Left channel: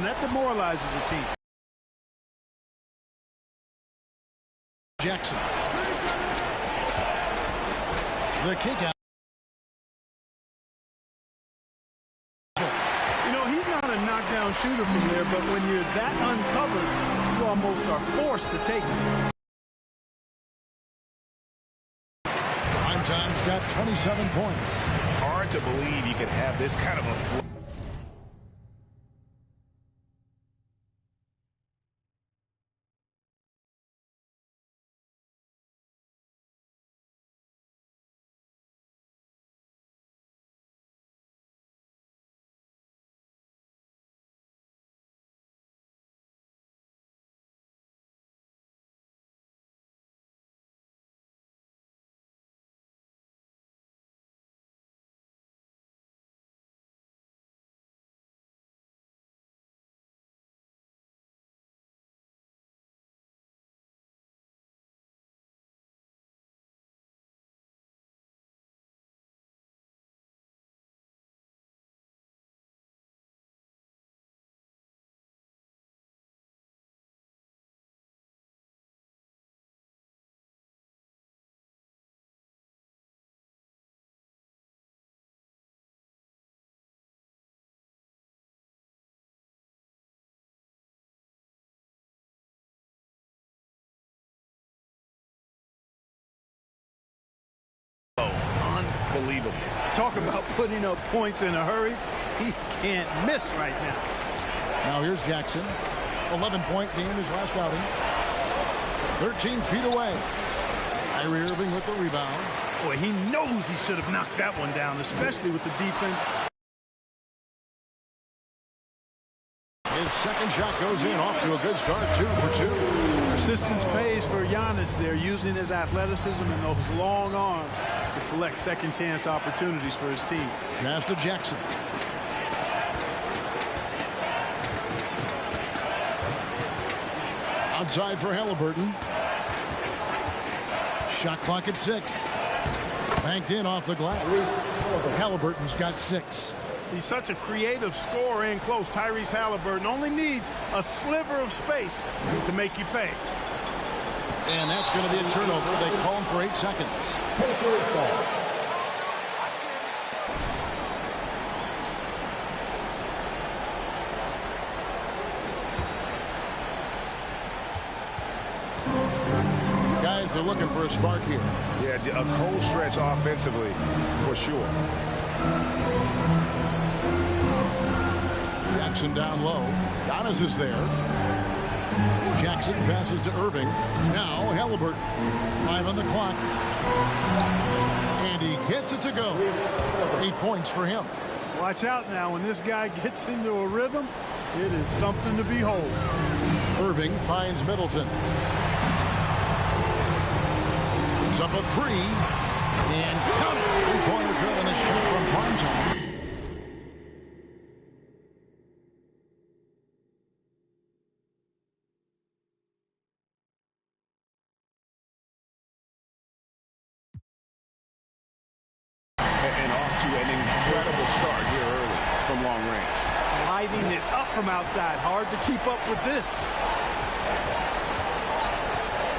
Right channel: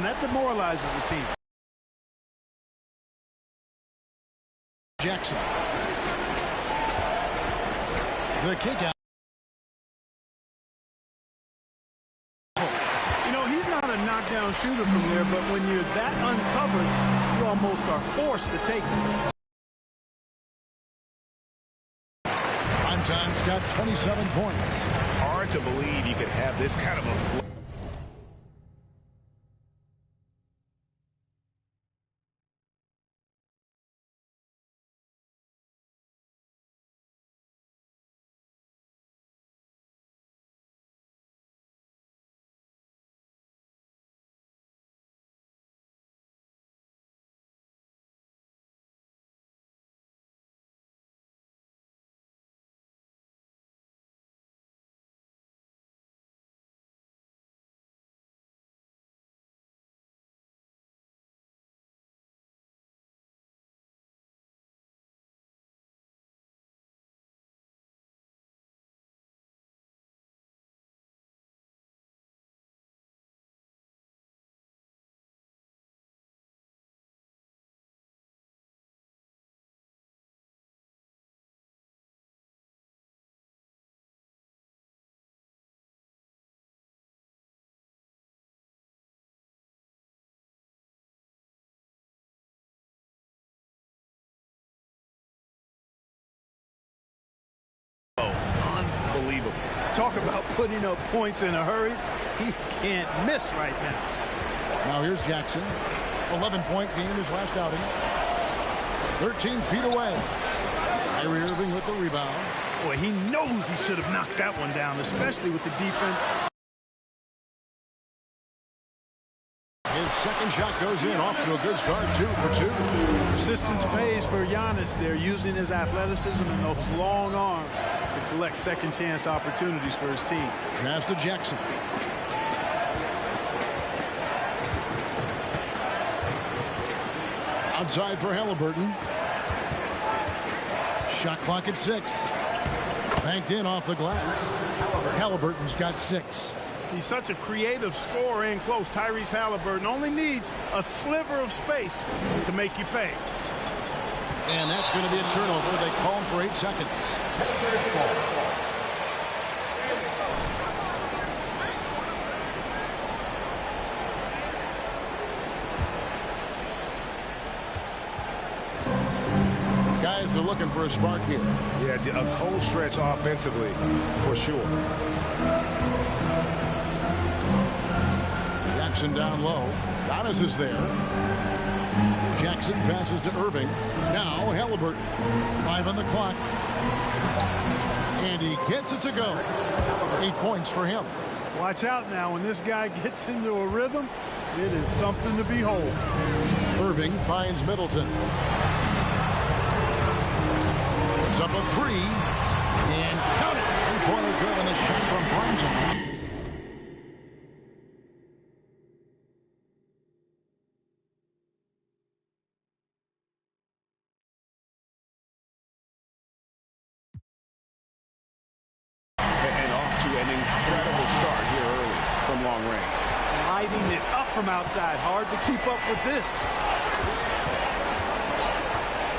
them. That demoralizes a team. Jackson. The kick out. You know, he's not a knockdown shooter from there, but when you're that uncovered, you almost are forced to take it. Primetime's got 27 points. Hard to believe you could have this kind of a flow. Unbelievable. Talk about putting up points in a hurry. He can't miss right now. Now here's Jackson. 11-point game his last outing. 13 feet away. Kyrie Irving with the rebound. Boy, he knows he should have knocked that one down, especially with the defense. His second shot goes in, off to a good start, 2 for 2. Persistence pays for Giannis there, using his athleticism and those long arms to collect second chance opportunities for his team. Pass to Jackson. Outside for Halliburton. Shot clock at 6. Banked in off the glass. Halliburton's got 6. He's such a creative scorer in close. Tyrese Halliburton only needs a sliver of space to make you pay. And that's going to be a turnover. They call him for 8 seconds. Guys are looking for a spark here. Yeah, a cold stretch offensively for sure. Jackson down low. Giannis is there. Jackson passes to Irving. Now Halliburton. 5 on the clock. And he gets it to go. 8 points for him. Watch out now. When this guy gets into a rhythm, it is something to behold. Irving finds Middleton. It's up a 3. And count it. 3-pointer good on the shot from primetime. And off to an incredible start here early from long range. Lighting it up from outside. Hard to keep up with this.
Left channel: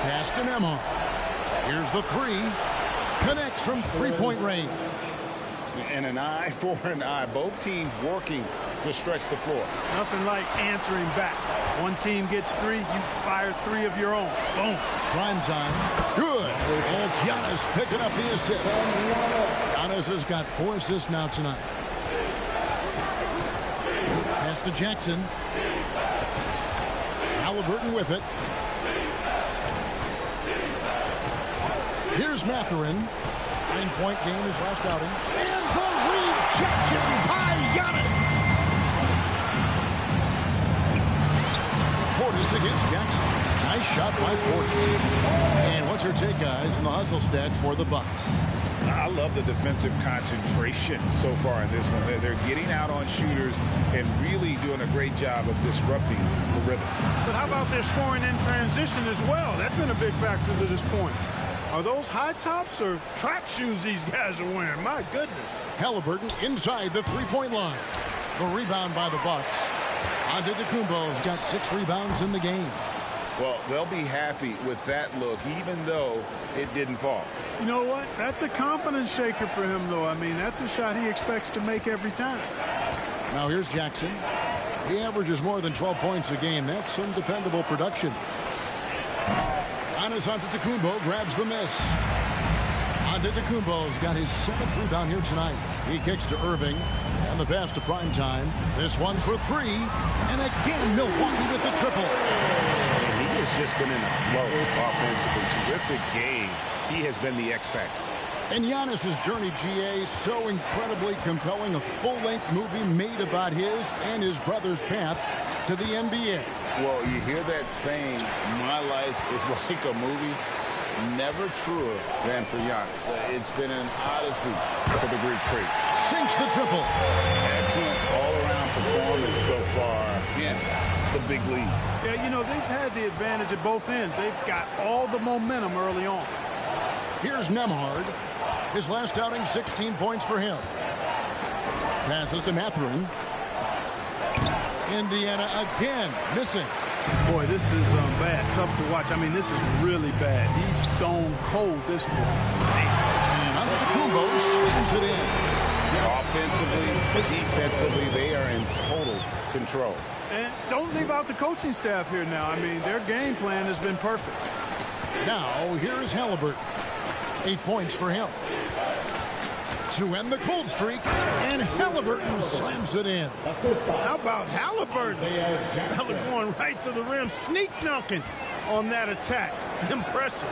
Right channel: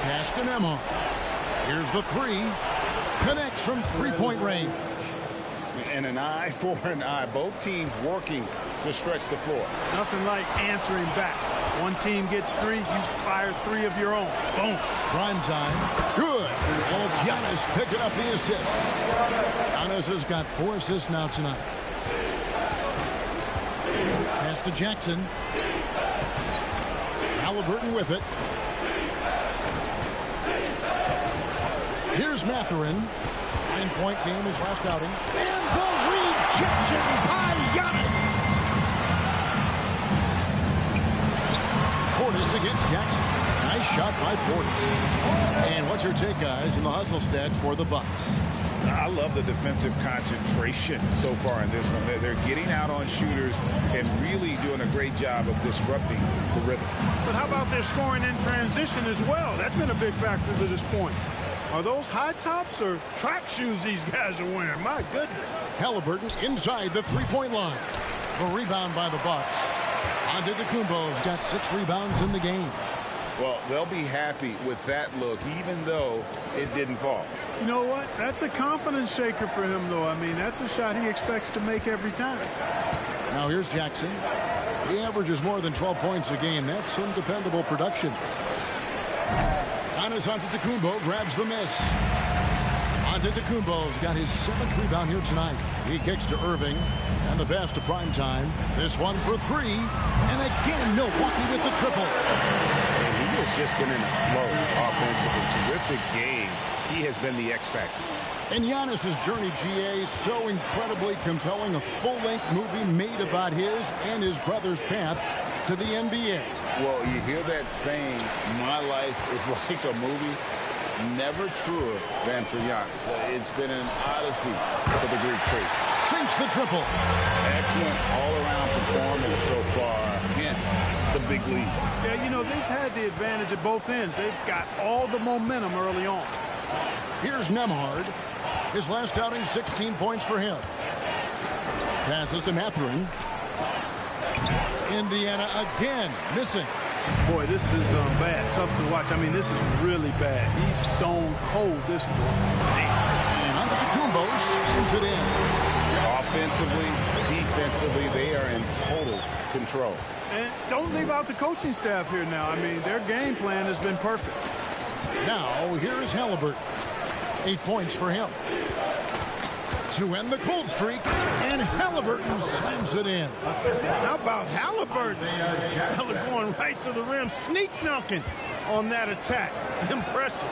Pass to Nembhard. Here's the 3. Connects from 3-point range. And an eye for an eye. Both teams working to stretch the floor. Nothing like answering back. One team gets 3, you fire 3 of your own. Boom. Prime time. Good. And it's Giannis picking up the assist. Giannis has got 4 assists now tonight. Pass to Jackson. Halliburton with it. Here's Mathurin. 9-point game his last outing. And the rejection by Giannis. Portis against Jackson. Nice shot by Portis. And what's your take, guys, in the hustle stats for the Bucks? I love the defensive concentration so far in this one. They're getting out on shooters and really doing a great job of disrupting the rhythm. But how about their scoring in transition as well? That's been a big factor to this point. Are those high tops or track shoes these guys are wearing? My goodness. Halliburton inside the 3-point line. The rebound by the Bucks. Antetokounmpo's got 6 rebounds in the game. Well, they'll be happy with that look, even though it didn't fall. You know what? That's a confidence shaker for him, though. I mean, that's a shot he expects to make every time. Now here's Jackson. He averages more than 12 points a game. That's some dependable production. Giannis Antetokounmpo grabs the miss. Antetokounmpo's got his 7th rebound here tonight. He kicks to Irving. And the pass to Primetime. This one for 3. And again, Milwaukee with the triple. And he has just been in a flow offensively. Terrific game. He has been the X factor. And Giannis's journey, GA, so incredibly compelling. A full-length movie made about his and his brother's path to the NBA. Well, you hear that saying, my life is like a movie. Never truer than for Giannis. It's been an odyssey for the Greek Freak. Sinks the triple. Excellent all-around performance so far against the big lead. Yeah, you know, they've had the advantage at both ends. They've got all the momentum early on. Here's Nembhard. His last outing, 16 points for him. Passes to Mathurin. Indiana again missing. Boy, this is bad. Tough to watch. I mean, this is really bad. He's stone cold, this boy. And Antetokounmpo slams it in. Offensively, defensively, they are in total control. And don't leave out the coaching staff here now. I mean, their game plan has been perfect. Now, here is Halliburton. 8 points for him. To end the cold streak, and Halliburton slams it in. How about Halliburton? Fella going right to the rim, sneak dunking on that attack. Impressive.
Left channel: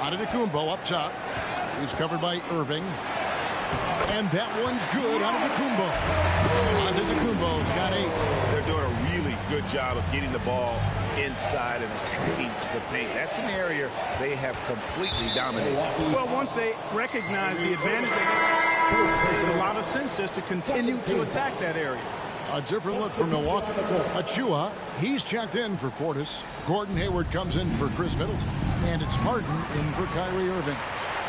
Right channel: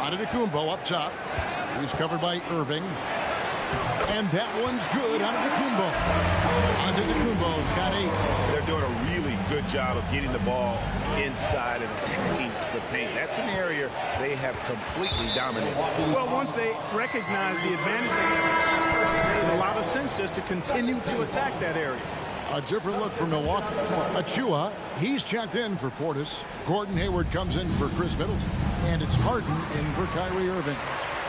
Antetokounmpo up top. He's covered by Irving. And that one's good. Antetokounmpo. Antetokounmpo's got 8. They're doing a really good job of getting the ball inside and attacking the paint. That's an area they have completely dominated. Well, once they recognize the advantage, it made a lot of sense just to continue to attack that area. A different look for Milwaukee. Achua, he's checked in for Portis. Gordon Hayward comes in for Chris Middleton. And it's Harden in for Kyrie Irving.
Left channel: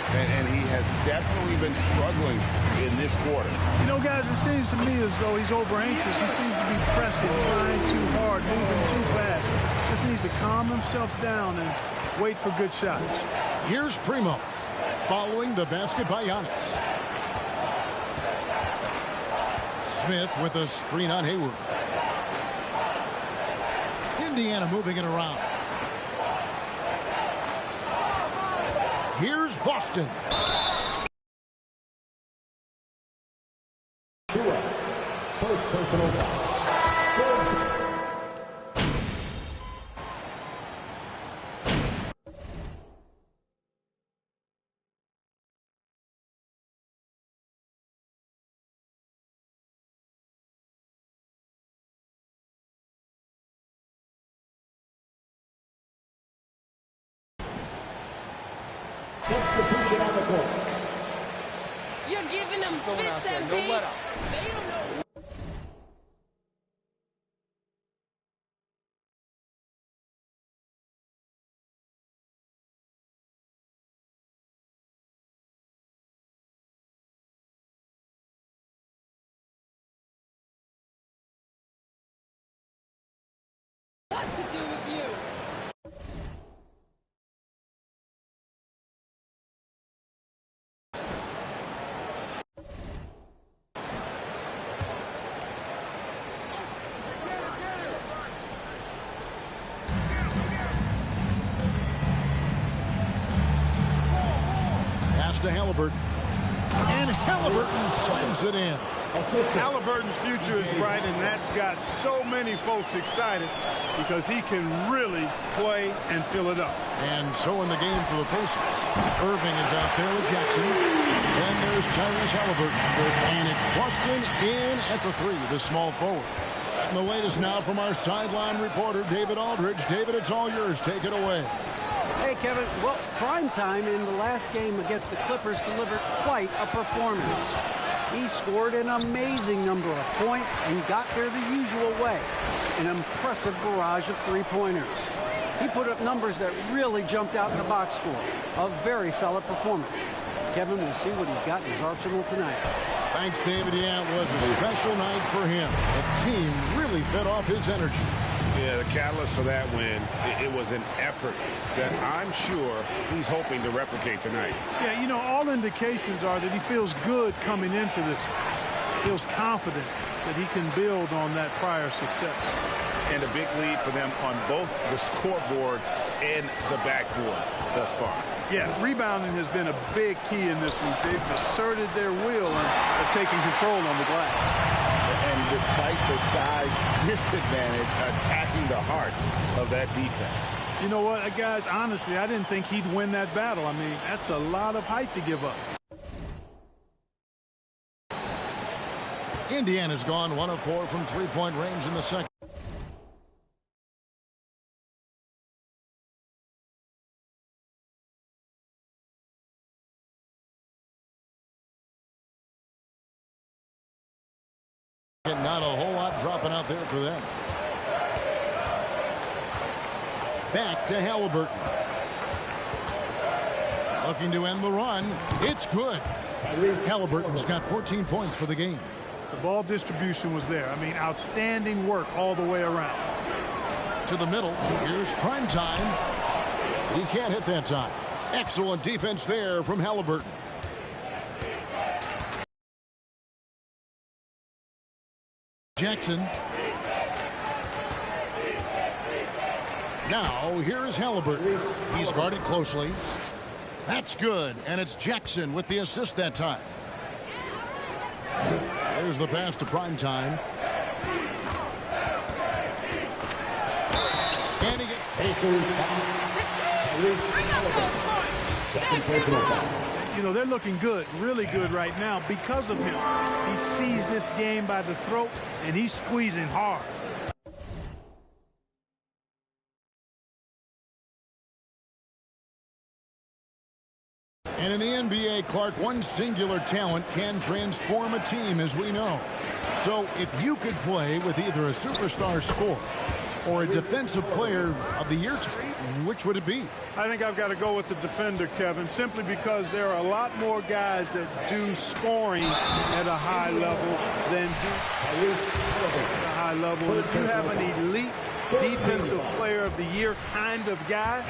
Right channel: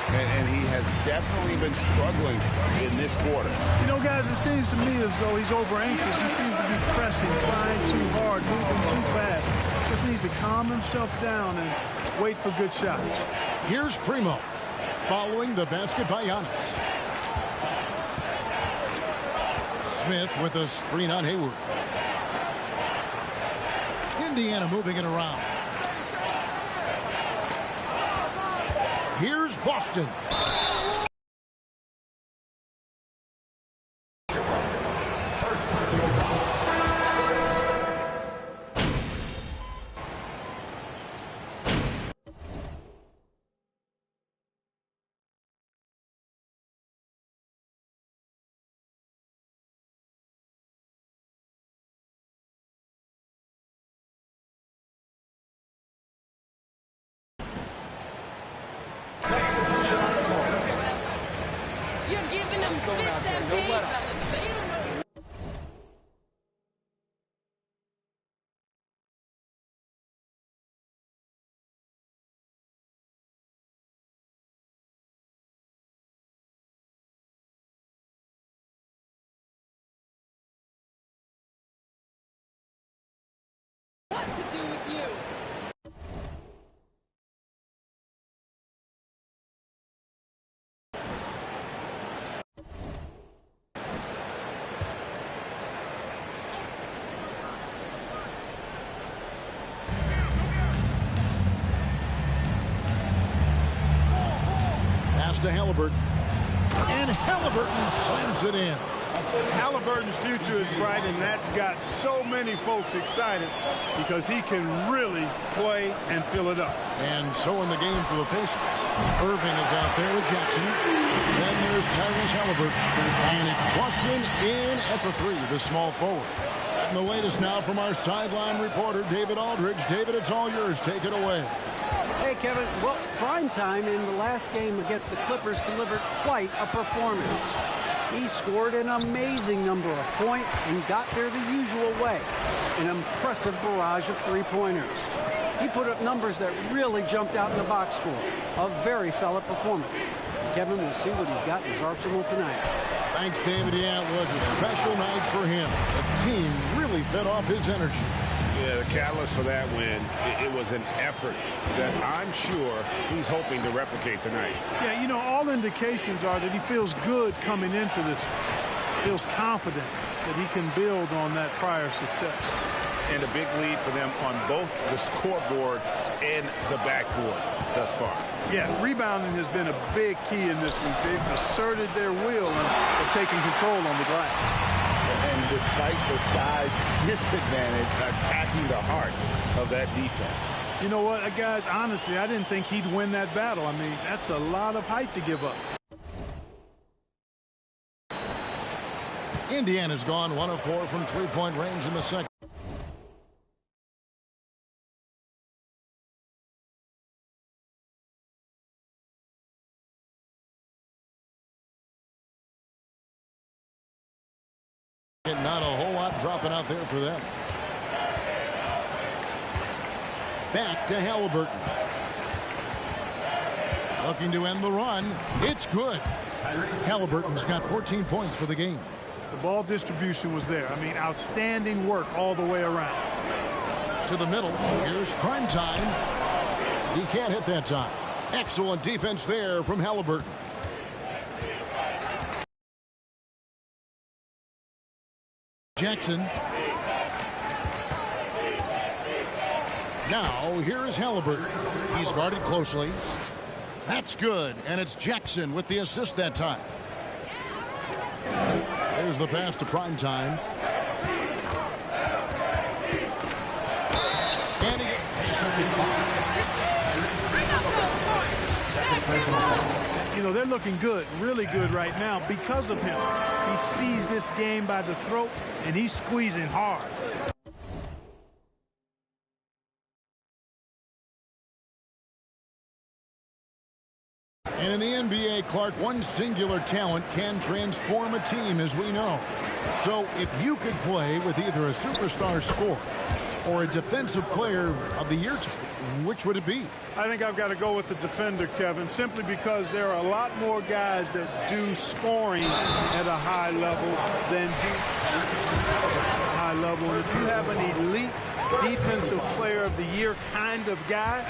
And he has definitely been struggling in this quarter. You know, guys, it seems to me as though he's over anxious. He seems to be pressing, trying too hard, moving too fast. Just needs to calm himself down and wait for good shots. Here's Primo, following the basket by Giannis. Smith with a screen on Hayward. Indiana moving it around. Here's Boston. First personal foul. You're giving them fits and They don't know. What to do with you? Pass to Halliburton. And Halliburton slams it in. Halliburton's future is bright, and that's got so many folks excited because he can really play and fill it up. And so in the game for the Pacers, Irving is out there with Jackson. Then there's Tyrese Halliburton. And it's Boston in at the 3, the small forward. And the latest now from our sideline reporter, David Aldridge. David, it's all yours. Take it away. Hey, Kevin. Well, Primetime in the last game against the Clippers delivered quite a performance. He scored an amazing number of points and got there the usual way. An impressive barrage of three-pointers. He put up numbers that really jumped out in the box score. A very solid performance. Kevin, we'll see what he's got in his arsenal tonight. Thanks, David. Yeah, it was a special night for him. The team really fed off his energy. Yeah, the catalyst for that win, it was an effort that I'm sure he's hoping to replicate tonight. Yeah, you know, all indications are that he feels good coming into this. Feels confident that he can build on that prior success. And a big lead for them on both the scoreboard and the backboard thus far. Yeah, rebounding has been a big key in this week. They've asserted their will and have taken control on the glass. And despite the size disadvantage, attacking the heart of that defense. You know what, guys, honestly, I didn't think he'd win that battle. I mean, that's a lot of height to give up. Indiana's gone 1 of 4 from three-point range in the second. Not a whole lot dropping out there for them. Back to Halliburton. Looking to end the run. It's good. Halliburton's got 14 points for the game. The ball distribution was there. I mean, outstanding work all the way around. To the middle. Here's prime time. He can't hit that time. Excellent defense there from Halliburton. Jackson. Now, here is Halliburton. He's guarded closely. That's good, and it's Jackson with the assist that time. There's the pass to prime time. And he gets second personal foul. You know, they're looking good, really good right now because of him. He sees this game by the throat, and he's squeezing hard. And in the NBA, Clark, one singular talent can transform a team, as we know. So if you could play with either a superstar scorer or a defensive player of the year, which would it be? I think I've got to go with the defender, Kevin, simply because there are a lot more guys that do scoring at a high level than do at a high level. And if you have an elite defensive player of the year kind of guy,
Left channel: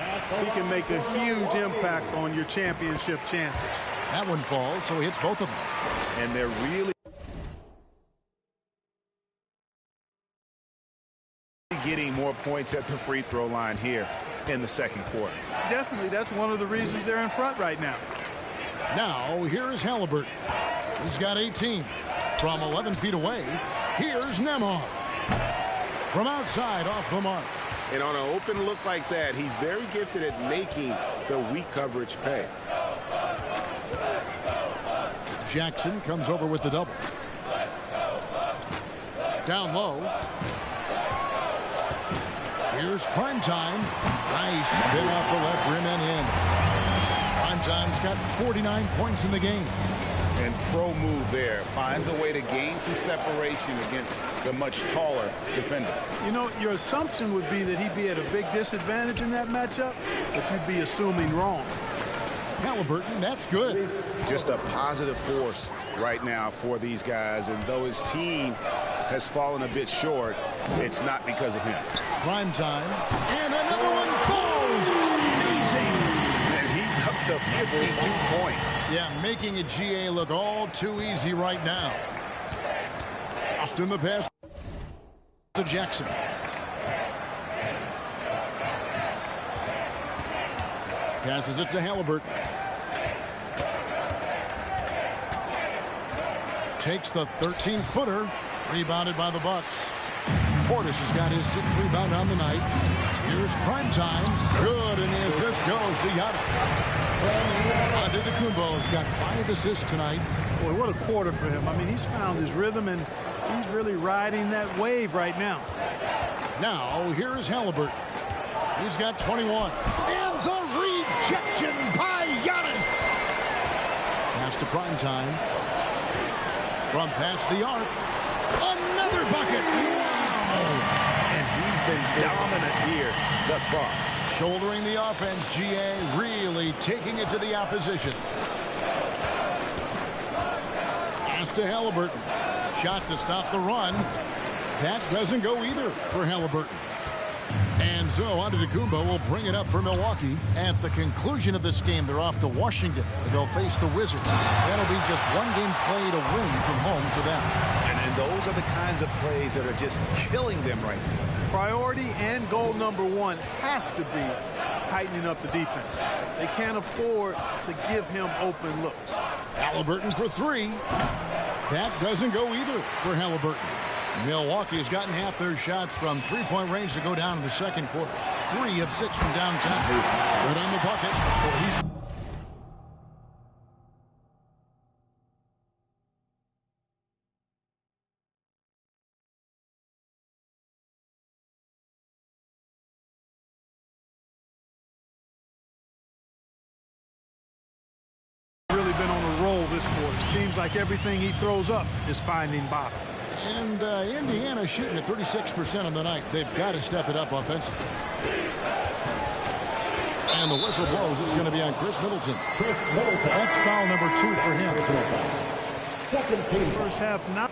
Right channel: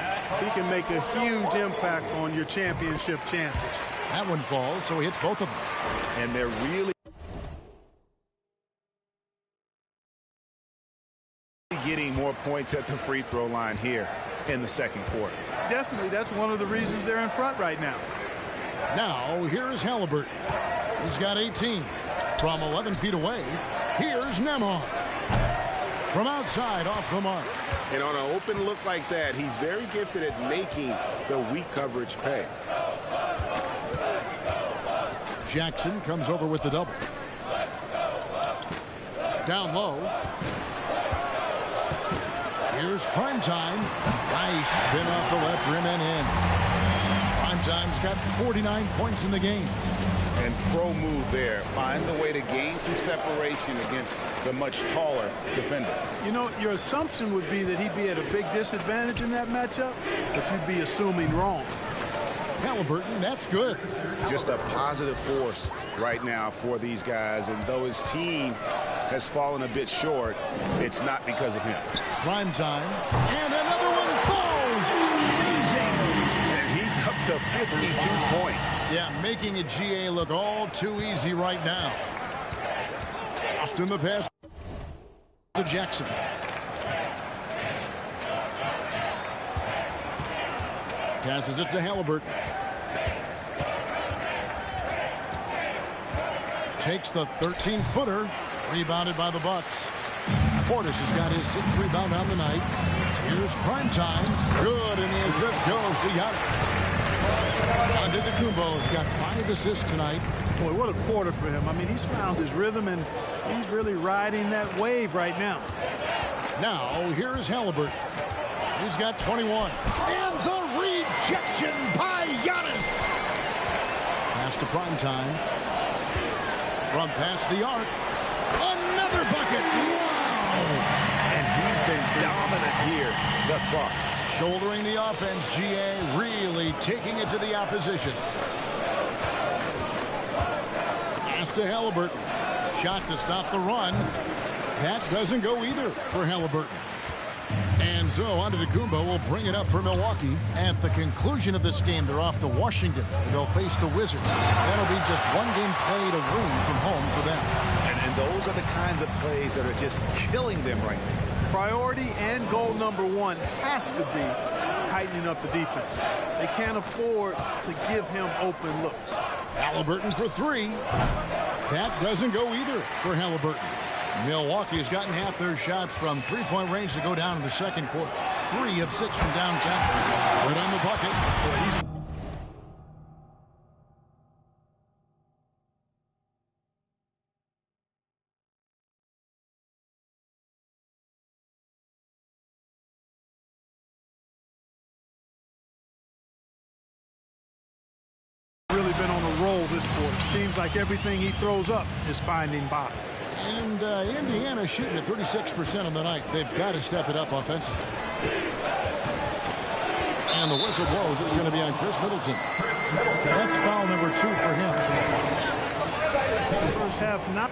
he can make a huge impact on your championship chances. That one falls, so he hits both of them. And they're really getting more points at the free throw line here in the second quarter. Definitely, that's one of the reasons they're in front right now. Now, here is Halliburton. He's got 18. From 11 feet away, here's Nembhard. From outside, off the mark. And on an open look like that, he's very gifted at making the weak coverage pay. Jackson comes over with the double. Down low. Here's Primetime. Nice spin off the left rim and in. Primetime's got 49 points in the game. And pro move there. Finds a way to gain some separation against the much taller defender. You know, your assumption would be that he'd be at a big disadvantage in that matchup, but you'd be assuming wrong. Halliburton, that's good. Just a positive force right now for these guys. And though his team has fallen a bit short, it's not because of him. Primetime. And another one falls. Amazing. And he's up to 52 points. Yeah, making a GA look all too easy right now. Austin the pass to Jackson. Passes it to Halliburton. Takes the 13-footer. Rebounded by the Bucks. Portis has got his 6th rebound on the night. Here's Primetime. Good, and the assist goes to Giannis. Antetokounmpo's got 5 assists tonight. Boy, what a quarter for him. I mean, he's found his rhythm, and he's really riding that wave right now. Now, here is Halliburton. He's got 21. And the rejection by Giannis. Pass to Primetime. From past the arc. Another bucket. Wow. And he's been dominant here thus far. Shouldering the offense, GA really taking it to the opposition. Pass to Halliburton. Shot to stop the run. That doesn't go either for Halliburton. And so Antetokounmpo will bring it up for Milwaukee. At the conclusion of this game, they're off to Washington, where they'll face the Wizards. That'll be just one game played away from home for them. And those are the kinds of plays that are just killing them right now. Priority and goal number one has to be tightening up the defense. They can't afford to give him open looks. Halliburton for three. That doesn't go either for Halliburton. Milwaukee has gotten half their shots from three-point range to go down in the second quarter. 3 of 6 from downtown. Good on the bucket. He's really been on a roll this quarter. Seems like everything he throws up is finding bottom. And Indiana shooting at 36% on the night. They've got to step it up offensively. And the whistle blows. It's going to be on Chris Middleton. That's foul number 2 for him. First half, not.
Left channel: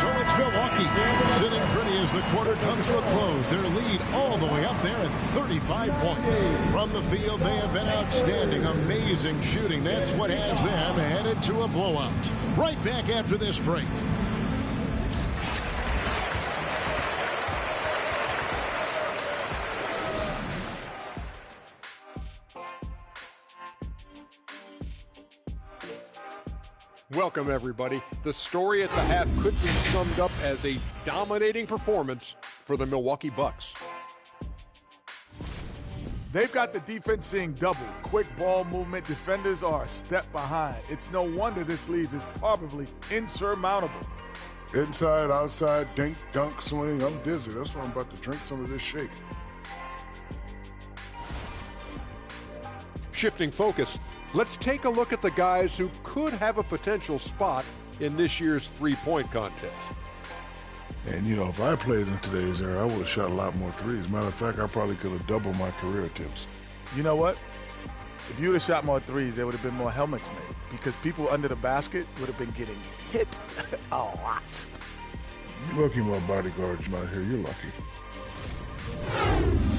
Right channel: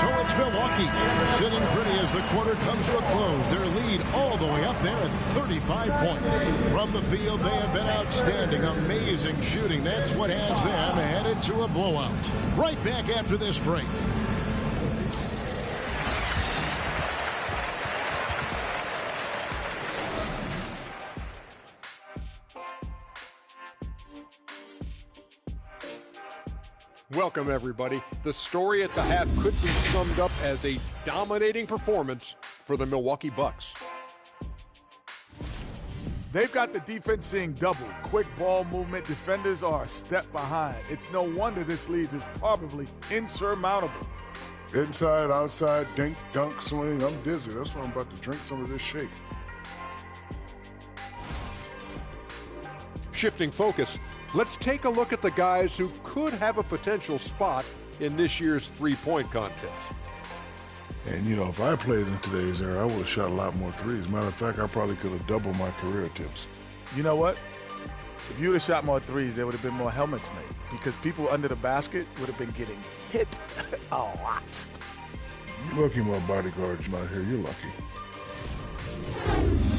So it's Milwaukee sitting pretty as the quarter comes to a close. Their lead all the way up there at 35 points. From the field, they have been outstanding. Amazing shooting. That's what has them headed to a blowout. Right back after this break. Welcome, everybody. The story at the half could be summed up as a dominating performance for the Milwaukee Bucks. They've got the defense seeing double. Quick ball movement. Defenders are a step behind. It's no wonder this lead is probably insurmountable. Inside, outside, dink, dunk, swing. I'm dizzy. That's why I'm about to drink some of this shake. Shifting focus, let's take a look at the guys who could have a potential spot in this year's three-point contest. And, you know, if I played in today's era, I would have shot a lot more threes. Matter of fact, I probably could have doubled my career attempts. You know what? If you would have shot more threes, there would have been more helmets made because people under the basket would have been getting hit a lot. Lucky my bodyguard's not here. You're lucky.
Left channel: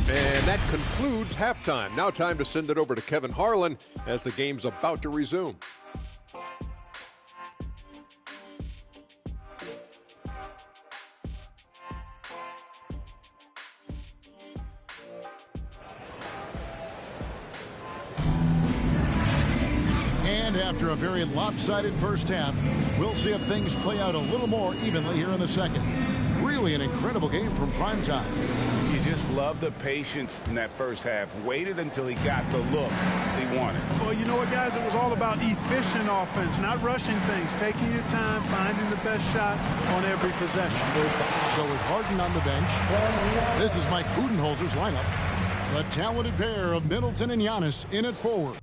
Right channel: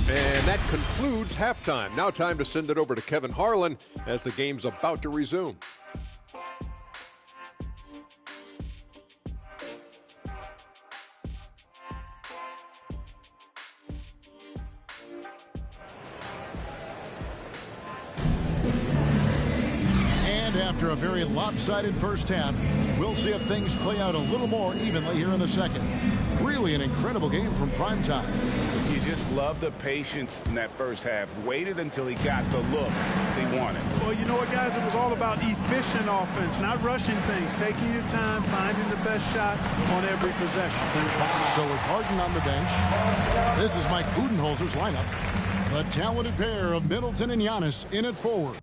And that concludes halftime. Now time to send it over to Kevin Harlan as the game's about to resume. And after a very lopsided first half, we'll see if things play out a little more evenly here in the second. Really an incredible game from primetime. You just love the patience in that first half. Waited until he got the look he wanted. Well, you know what, guys? It was all about efficient offense, not rushing things, taking your time, finding the best shot on every possession. So with Harden on the bench, this is Mike Budenholzer's lineup. The talented pair of Middleton and Giannis in at forward.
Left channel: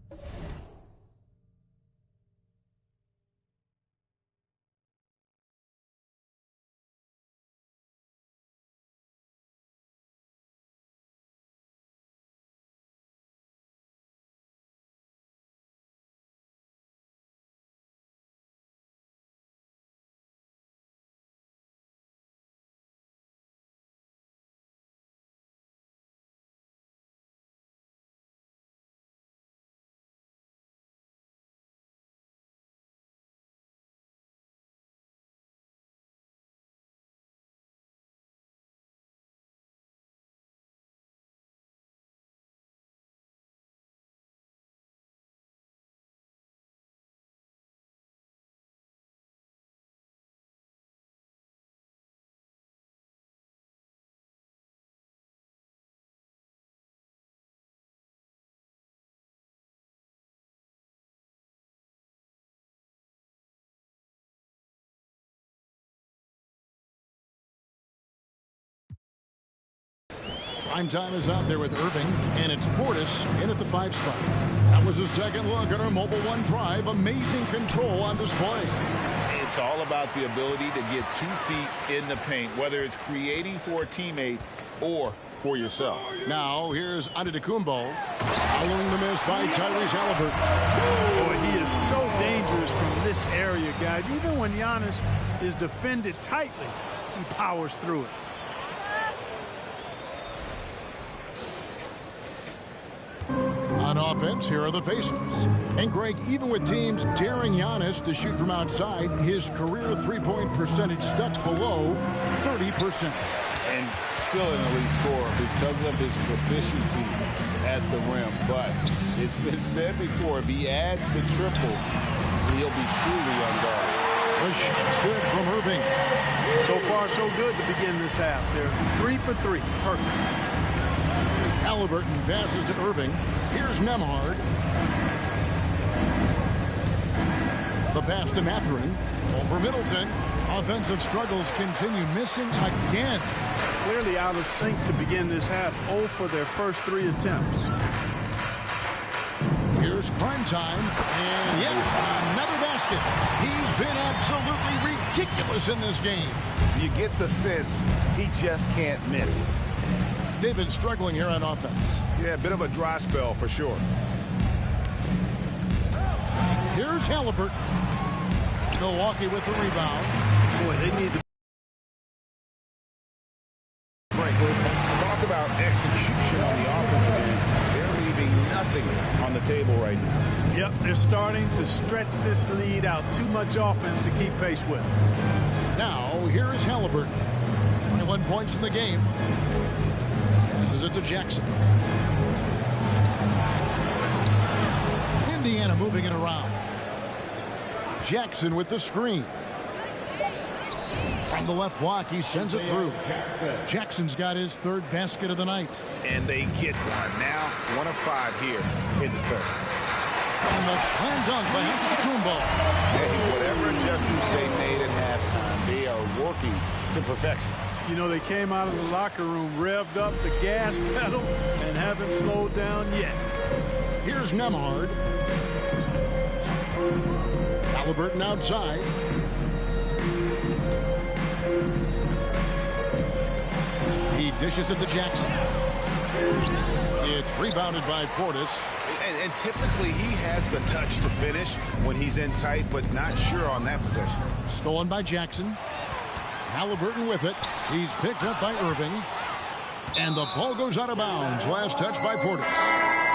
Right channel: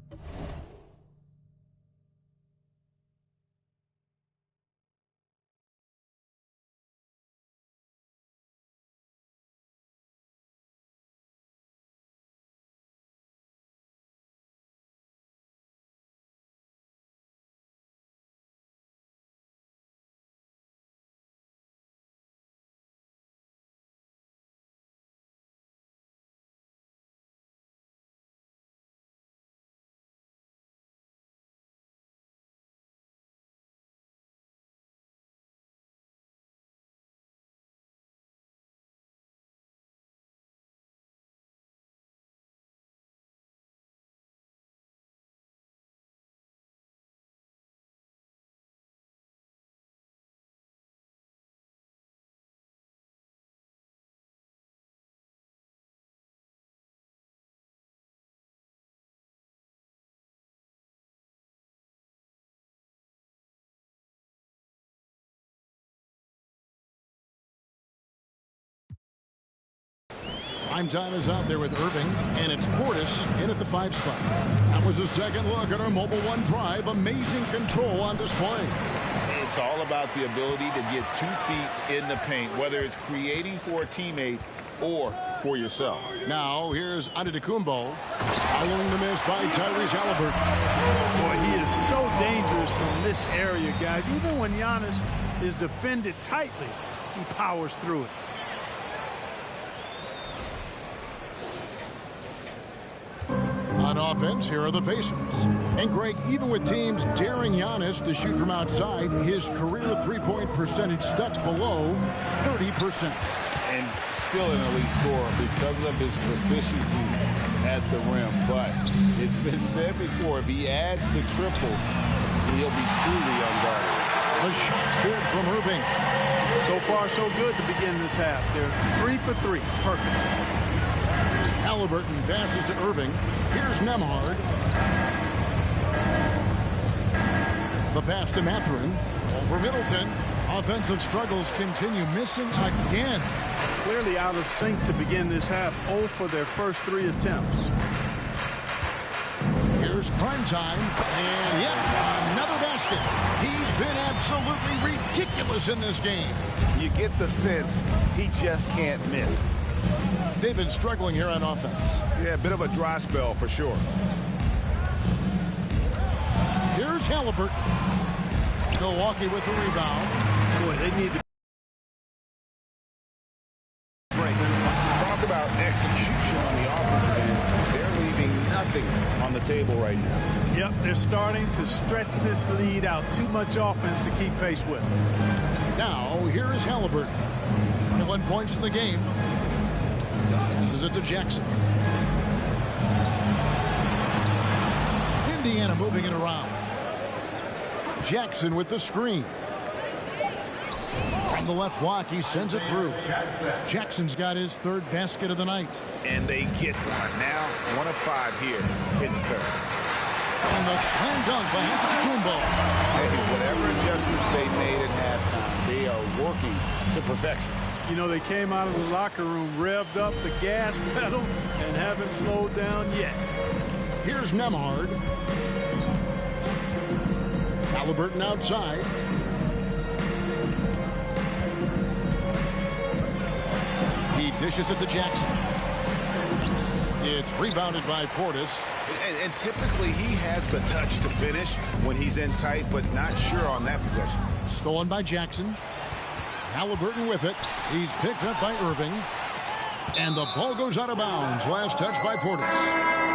Prime time is out there with Irving, and it's Portis in at the 5 spot. That was a second look at our Mobile One drive. Amazing control on display. It's all about the ability to get 2 feet in the paint, whether it's creating for a teammate or for yourself. Now, here's Antetokounmpo. Following the miss by Tyrese Halliburton. Boy, he is so dangerous from this area, guys. Even when Giannis is defended tightly, he powers through it. On offense, here are the Pacers. And Greg, even with teams daring Giannis to shoot from outside, his career three-point percentage stuck below 30%. And still an elite scorer because of his proficiency at the rim. But it's been said before, if he adds the triple, he'll be truly unguarded. The shot's good from Irving. So far, so good to begin this half. They're 3 for 3. Perfect. Halliburton passes to Irving. Here's Nembhard. The pass to Mathurin. Over Middleton. Offensive struggles continue, missing again. Clearly out of sync to begin this half. 0 for their first 3 attempts. Here's Primetime. And yep, another basket. He's been absolutely ridiculous in this game. You get the sense he just can't miss. They've been struggling here on offense. Yeah, a bit of a dry spell for sure. Here's Halliburton. Milwaukee with the rebound. Boy, they need to break. Talk about execution on the offensive end. They're leaving nothing on the table right now. Yep, they're starting to stretch this lead out. Too much offense to keep pace with. Now, here is Halliburton. 21 points in the game. Passes it to Jackson. Indiana moving it around. Jackson with the screen. From the left block, he sends it through. Jackson's got his third basket of the night. And they get one. Now, 1 of 5 here in the third. And the slam dunk by Antetokounmpo. Hey, whatever adjustments they made at halftime, they are working to perfection. You know, they came out of the locker room, revved up the gas pedal, and haven't slowed down yet. Here's Nembhard. Halliburton outside. He dishes it to Jackson. It's rebounded by Portis. And typically he has the touch to finish when he's in tight, but not sure on that possession. Stolen by Jackson. Halliburton with it. He's picked up by Irving. And the ball goes out of bounds. Last touch by Portis.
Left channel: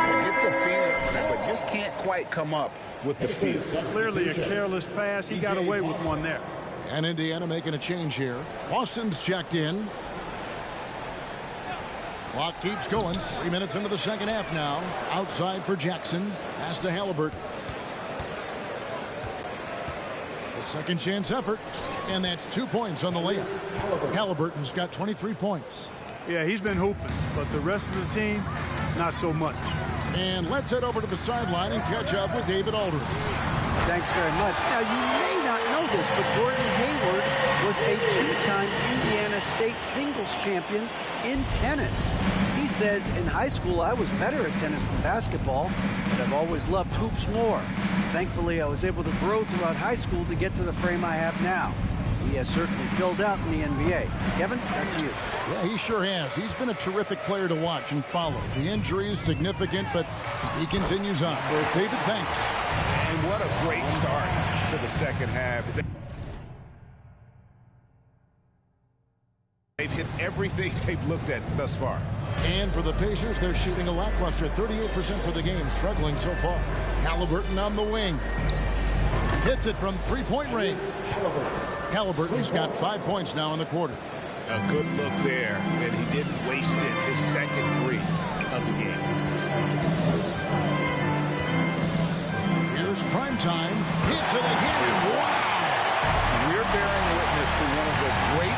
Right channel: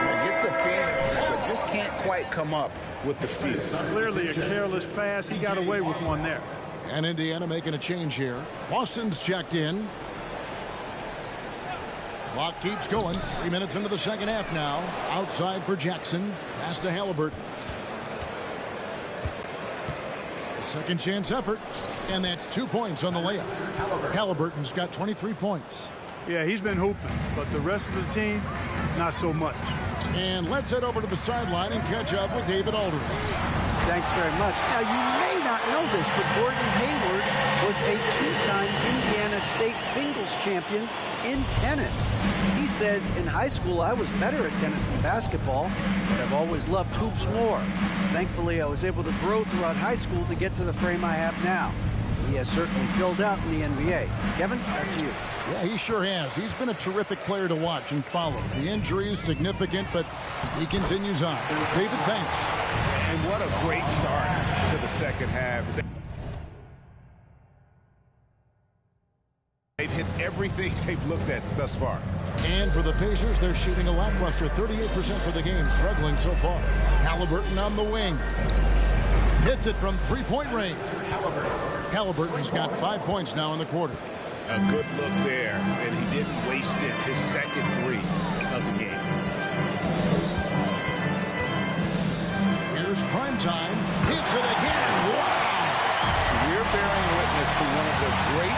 Yeah, gets a finger on it, but just can't quite come up with the steal. Clearly a careless pass. He got away with one there. And Indiana making a change here. Boston's checked in. Clock keeps going. 3 minutes into the second half now. Outside for Jackson. Pass to Halliburton. A second chance effort. And that's 2 points on the layup. Halliburton's got 23 points. Yeah, he's been hooping, but the rest of the team, not so much. And let's head over to the sideline and catch up with David Aldridge. Thanks very much. Now, you may not know this, but Gordon Hayward was a 2-time Indiana State singles champion in tennis. He says, in high school, I was better at tennis than basketball, but I've always loved hoops more. Thankfully, I was able to grow throughout high school to get to the frame I have now. He has certainly filled out in the NBA. Kevin, back to you. Yeah, he sure has. He's been a terrific player to watch and follow. The injury is significant, but he continues on. David, thanks. And what a great start to the second half. They've hit everything they've looked at thus far. And for the Pacers, they're shooting a lackluster 38% for the game, struggling so far. Halliburton on the wing. Hits it from three-point range. Halliburton's got 5 points now in the quarter. A good look there, and he didn't waste it. His second 3 of the game. Here's Primetime. Hits it again. Wow! We're bearing witness to one of the great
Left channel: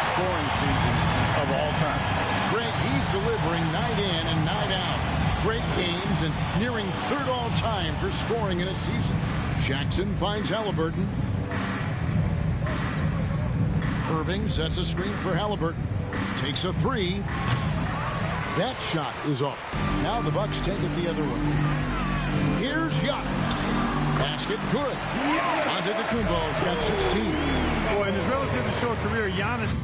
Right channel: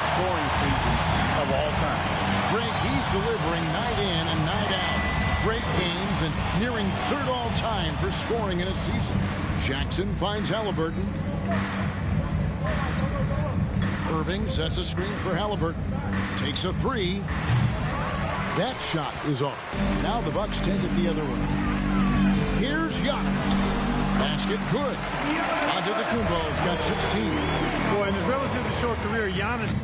scoring seasons of all time. Greg, he's delivering night in and night out. Great games and nearing third all-time for scoring in a season. Jackson finds Halliburton. Irving sets a screen for Halliburton. Takes a 3. That shot is off. Now the Bucks take it the other way. Here's Giannis. Basket good. Antetokounmpo's got 16. Boy, in his relatively short career, Giannis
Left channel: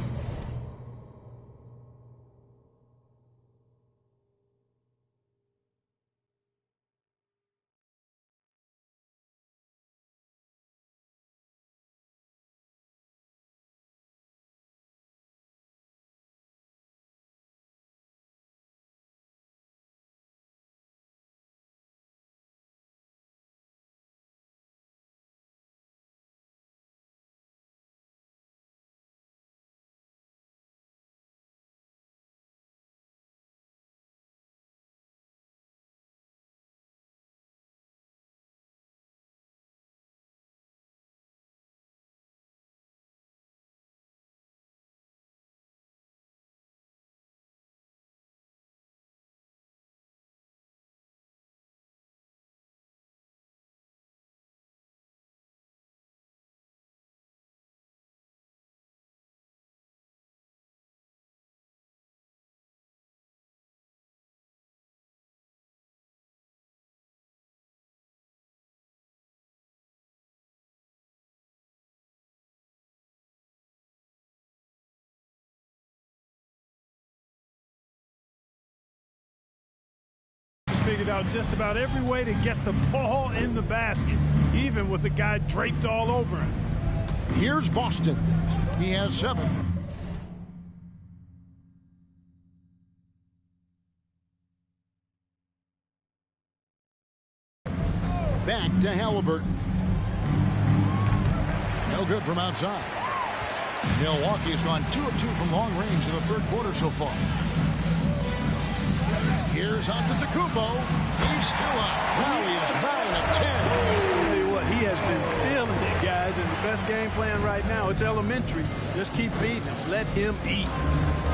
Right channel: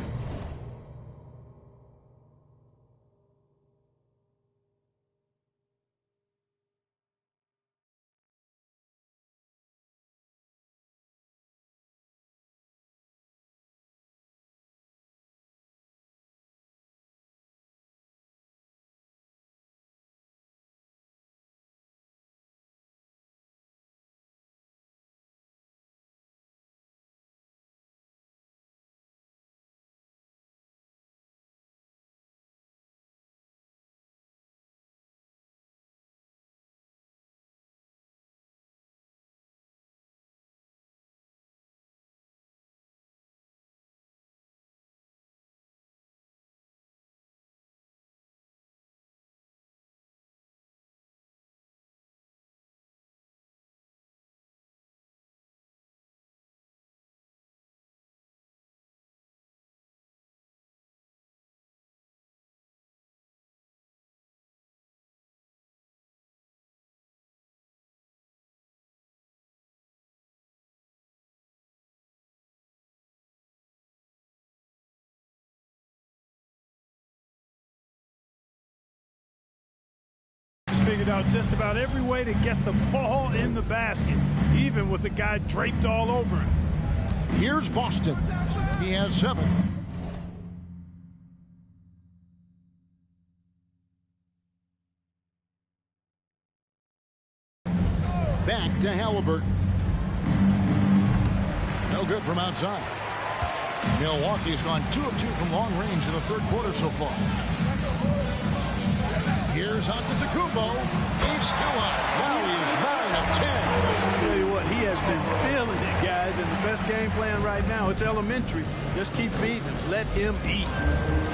figured out just about every way to get the ball in the basket, even with the guy draped all over him. Here's Boston. He has 7. Back to Halliburton. No good from outside. Milwaukee's gone 2 of 2 from long range in the third quarter so far. Here's Antetokounmpo. He's still hot. Now he is 9 of 10. I'll tell you what, he has been feeling it, guys, and the best game plan right now, it's elementary. Just keep feeding him. Let him eat.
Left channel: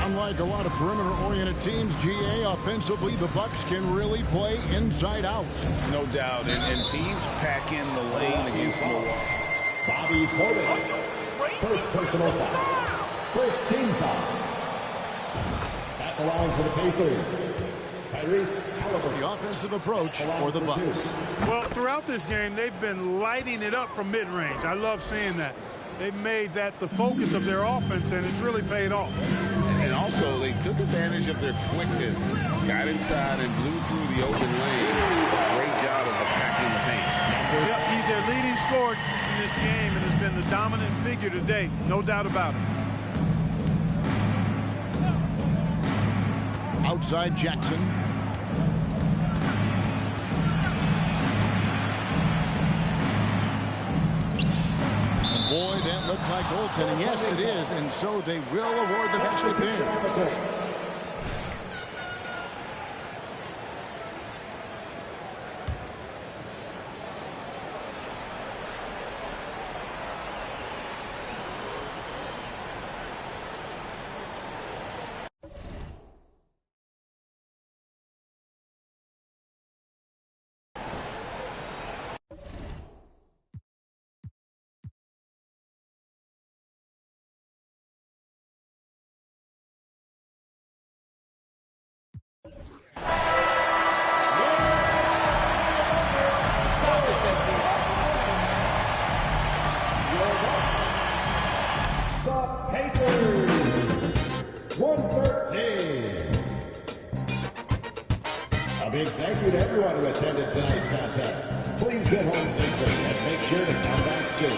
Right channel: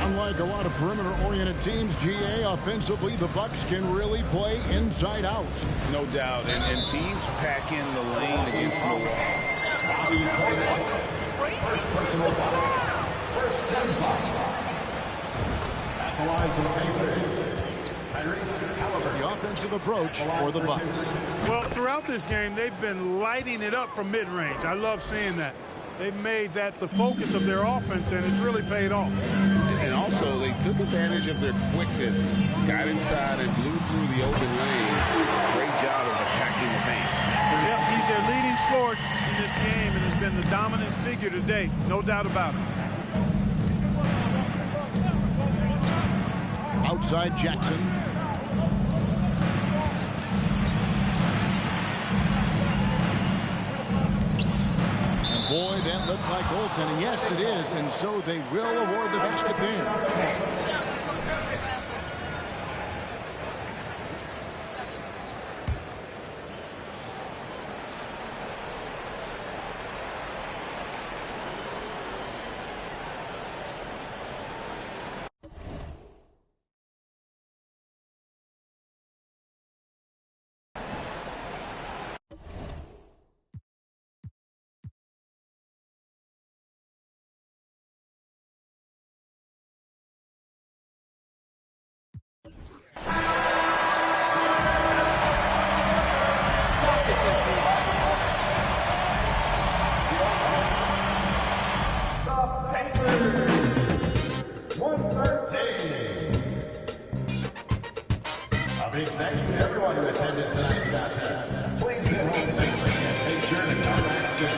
Unlike a lot of perimeter-oriented teams, GA, offensively, the Bucks can really play inside out. No doubt, and teams pack in the lane against Milwaukee. Bobby Portis. First personal foul. First team foul. At the line for the Pacers. The offensive approach for the Bucks. Well, throughout this game, they've been lighting it up from mid-range. I love seeing that. They've made that the focus of their offense, and it's really paid off. And also, they took advantage of their quickness, got inside and blew through the open lanes. Great job of attacking the paint. Yep, he's their leading scorer in this game and has been the dominant figure today. No doubt about it. Outside Jackson. And boy, that looked like goaltending. Yes, it is. And so they will award the basket there. Big thank you to everyone who attended tonight's contest. Please get home safely and make sure to come back soon.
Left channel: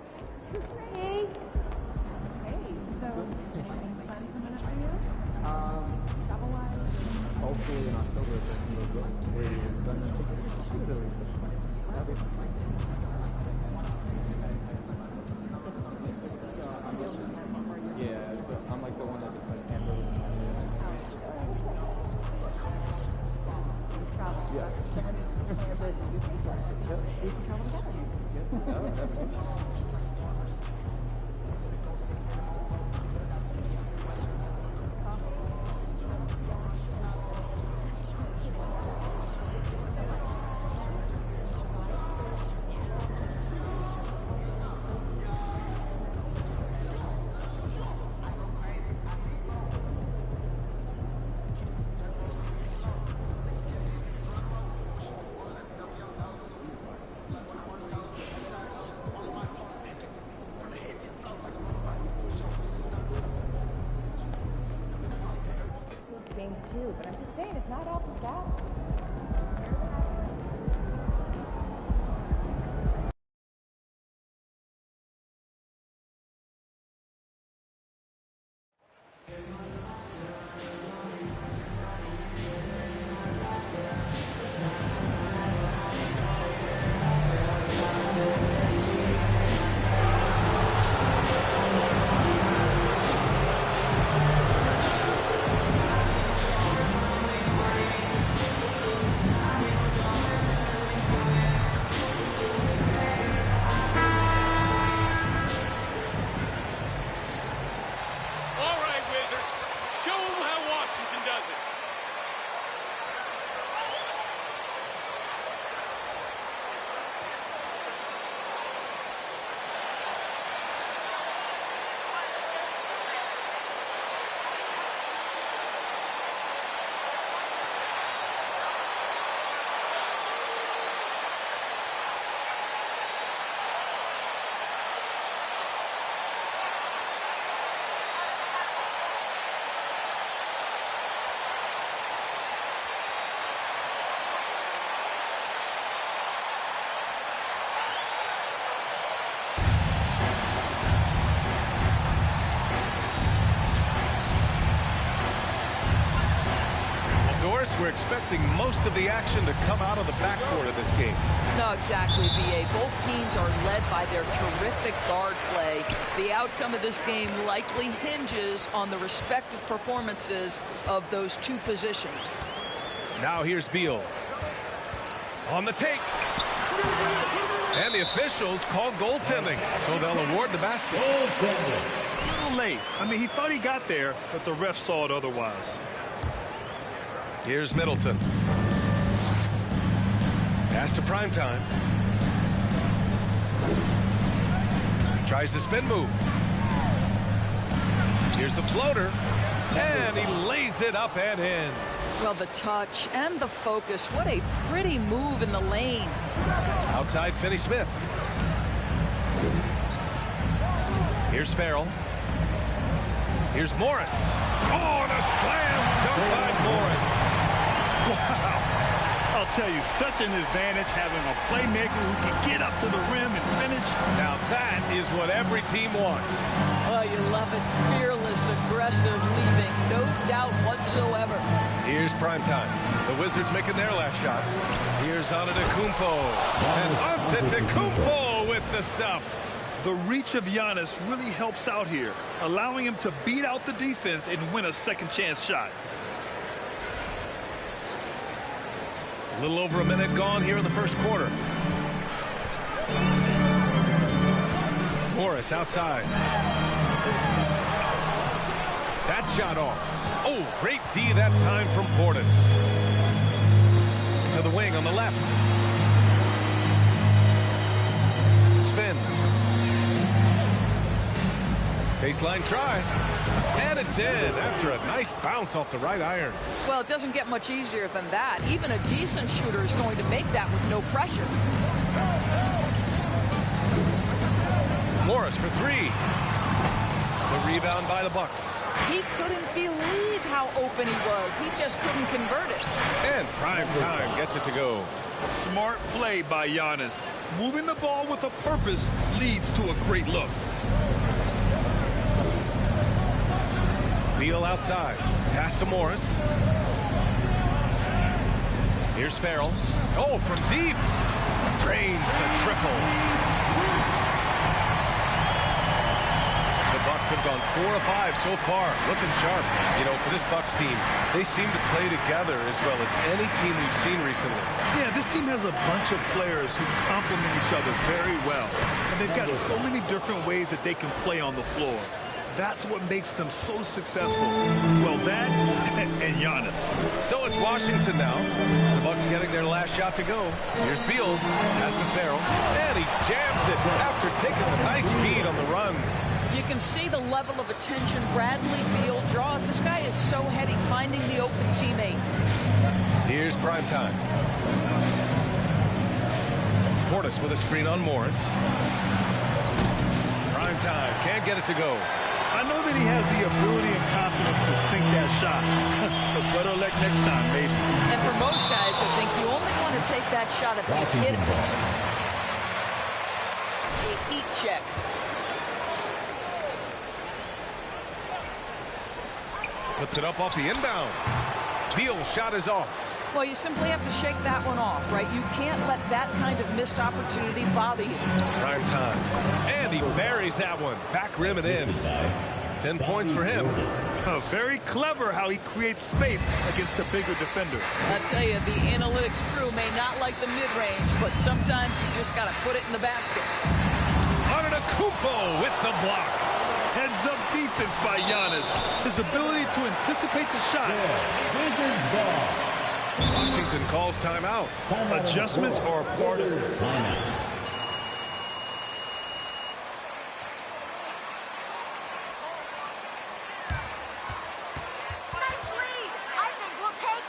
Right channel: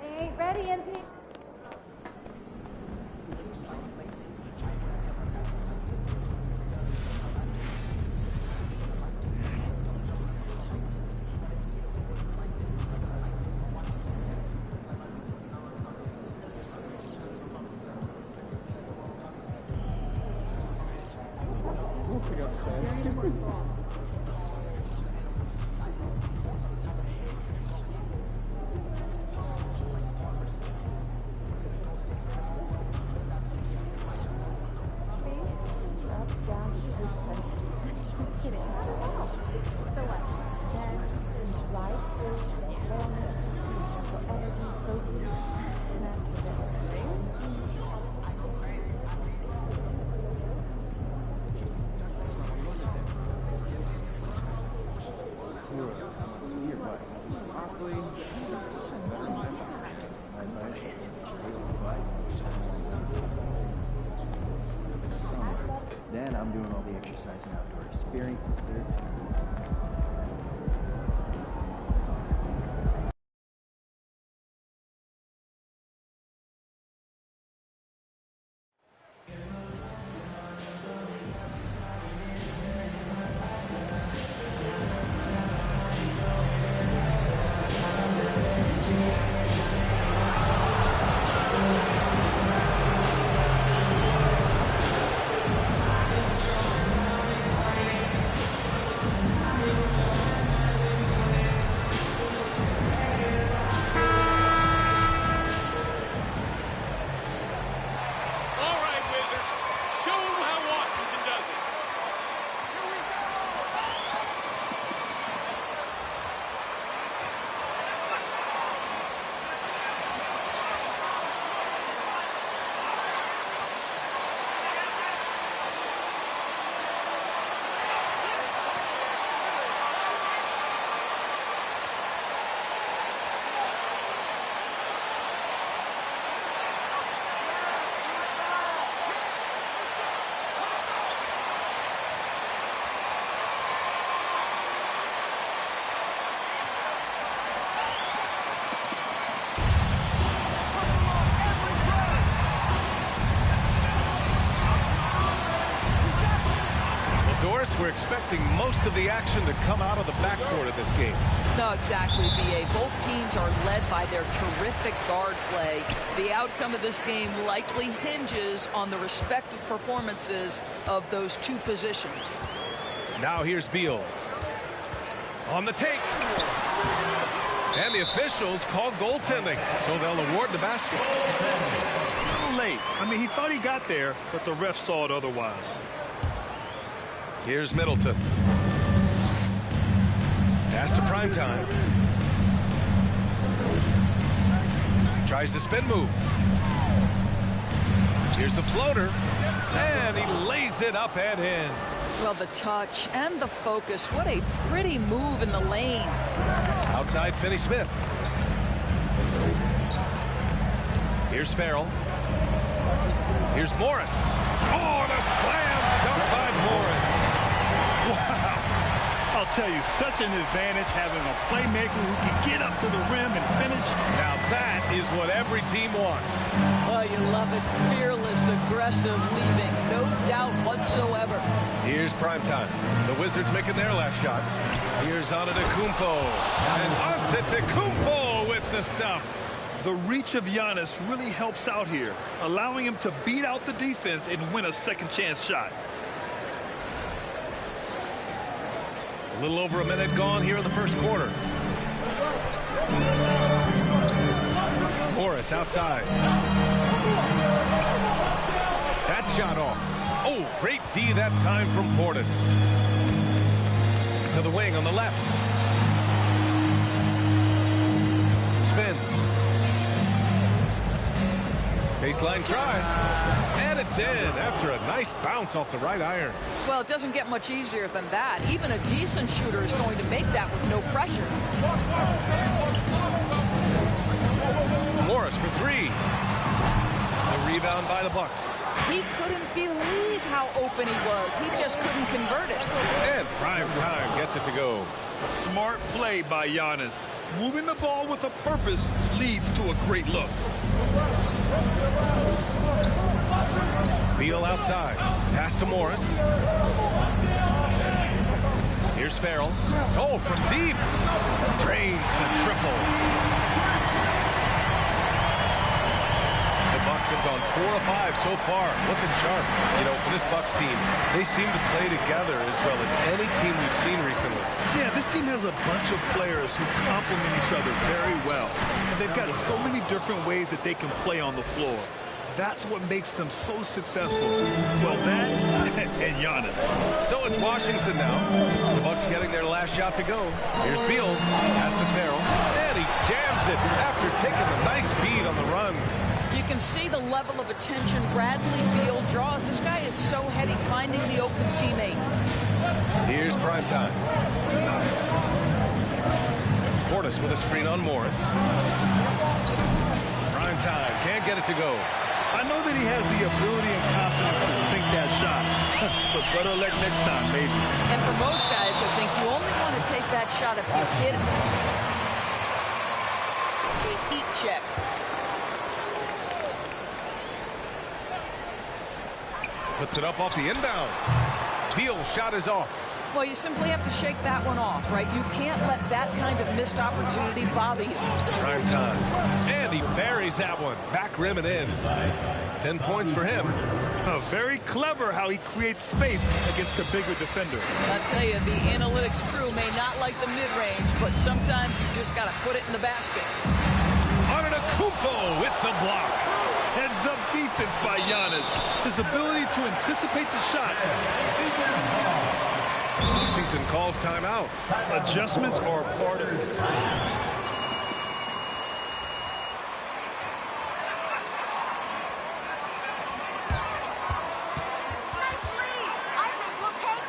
They ain't ready, MP. Doris, we're expecting most of the action to come out of the backcourt of this game. No, exactly, B.A. Both teams are led by their terrific guard play. The outcome of this game likely hinges on the respective performances of those two positions. Now here's Beal. On the take. And the officials call goaltending, so they'll award the basket. A little late. I mean, he thought he got there, but the ref saw it otherwise. Here's Middleton. Pass to Primetime. Tries the spin move. Here's the floater. And he lays it up and in. Well, the touch and the focus. What a pretty move in the lane. Outside Finney-Smith. Here's Farrell. Here's Morris. Oh, and a slam dunk by Morris. Wow. I'll tell you, such an advantage having a playmaker who can get up to the rim and finish. Now that is what every team wants. Oh, you love it. Fearless, aggressive, leaving. No doubt whatsoever. Here's Primetime. The Wizards making their last shot. Here's Antetokounmpo. And Antetokounmpo with the stuff. The reach of Giannis really helps out here, allowing him to beat out the defense and win a second chance shot. A little over a minute gone here in the first quarter. Morris outside. That shot off. Oh, great D that time from Portis. To the wing on the left. Spins. Baseline try. And it's in after a nice bounce off the right iron. Well, it doesn't get much easier than that. Even a decent shooter is going to make that with no pressure. Morris for three. The rebound by the Bucks. He couldn't believe how open he was. He just couldn't convert it. And Prime Time gets it to go. Smart play by Giannis. Moving the ball with a purpose leads to a great look. Beal outside. Pass to Morris. Here's Farrell. Oh, from deep. Drains the triple. The Bucks have gone 4 of 5 so far. Looking sharp. You know, for this Bucks team, they seem to play together as well as any team we've seen recently. Yeah, this team has a bunch of players who complement each other very well. And they've got so many different ways that they can play on the floor. That's what makes them so successful. Well, that and Giannis. So it's Washington now. The Bucks getting their last shot to go. Here's Beal. Pass to Farrell. And he jams it after taking the nice feed on the run. You can see the level of attention Bradley Beal draws. This guy is so heady finding the open teammate. Here's Prime Time. Portis with a screen on Morris. Prime Time can't get it to go. I know that he has the ability and confidence to sink that shot. But better luck next time, maybe. And for most guys, I think you only want to take that shot if you hit him. A heat check. Puts it up off the inbound. Beal's shot is off. Well, you simply have to shake that one off, right? You can't let that kind of missed opportunity bother you. Prime Time. And he buries that one. Back rim and in. 10 points for him. Very clever how he creates space against the bigger defender. I tell you, the analytics crew may not like the mid-range, but sometimes you just got to put it in the basket. Antetokounmpo with the block. Heads-up defense by Giannis. His ability to anticipate the shot. Washington calls timeout. Adjustments are a part of it. Nice lead. I think we'll take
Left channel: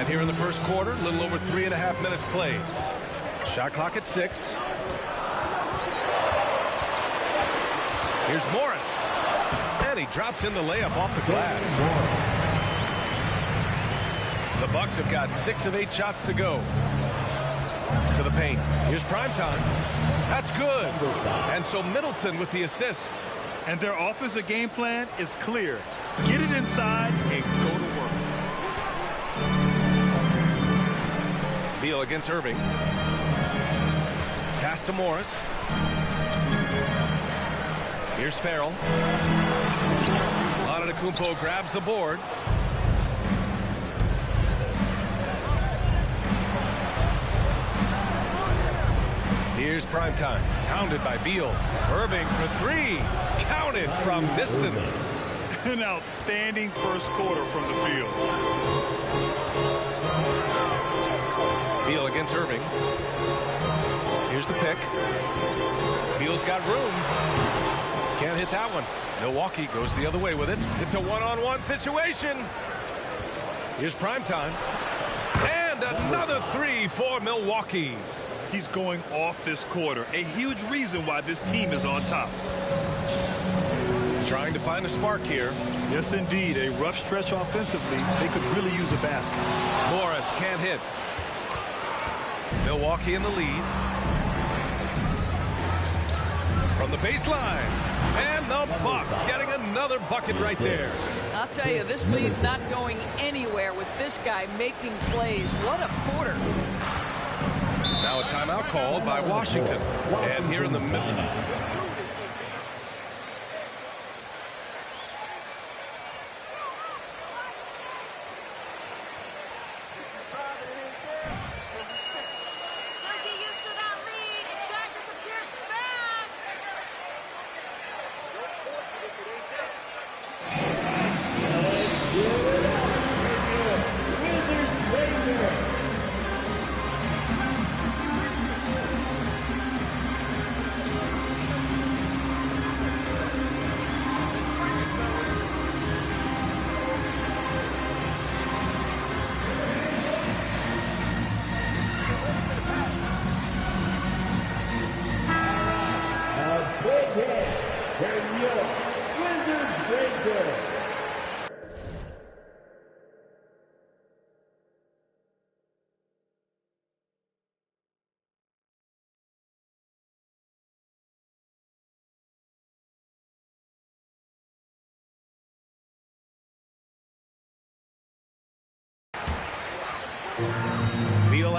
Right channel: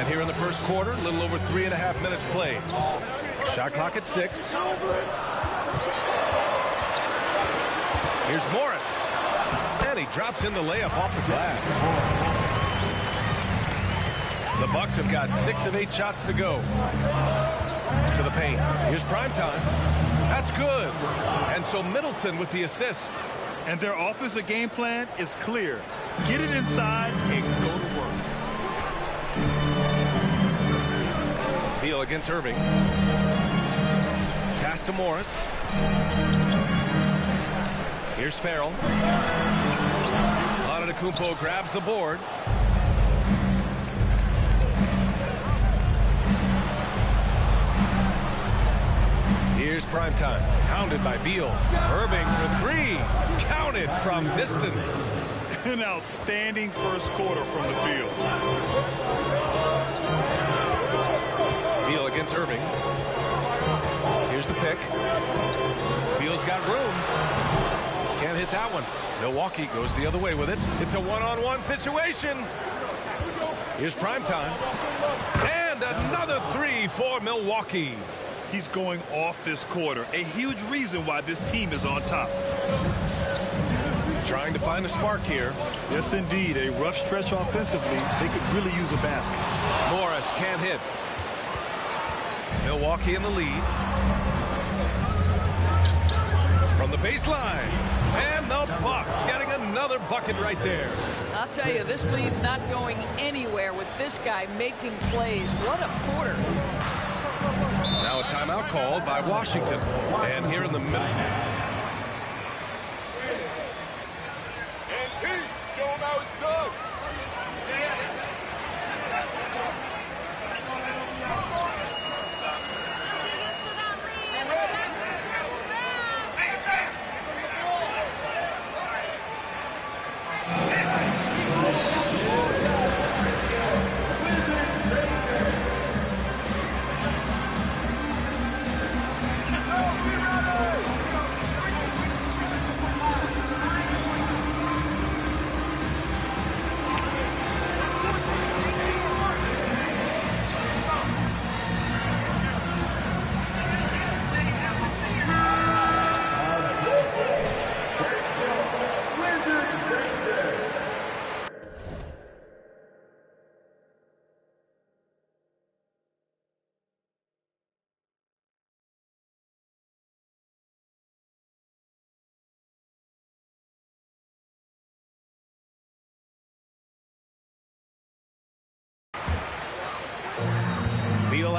And here in the first quarter, a little over 3.5 minutes played. Shot clock at 6. Here's Morris. And he drops in the layup off the glass. The Bucks have got 6 of 8 shots to go. To the paint. Here's Prime Time. That's good. And so Middleton with the assist. And their offensive game plan is clear. Get it inside and go to work. Beal against Irving. Pass to Morris. Here's Farrell. Antetokounmpo grabs the board. Here's Prime Time. Pounded by Beal. Irving for 3. Counted from distance. An outstanding first quarter from the field. Beal against Irving. Here's the pick. Beal's got room. Can't hit that one. Milwaukee goes the other way with it. It's a one-on-one situation. Here's Prime Time. And another 3 for Milwaukee. He's going off this quarter. A huge reason why this team is on top. Trying to find a spark here. Yes, indeed. A rough stretch offensively. They could really use a basket. Morris can't hit. Milwaukee in the lead. From the baseline. And the Bucks getting another bucket right there. I'll tell you, this lead's not going anywhere with this guy making plays. What a quarter. Now a timeout called by Washington. And here in the middle.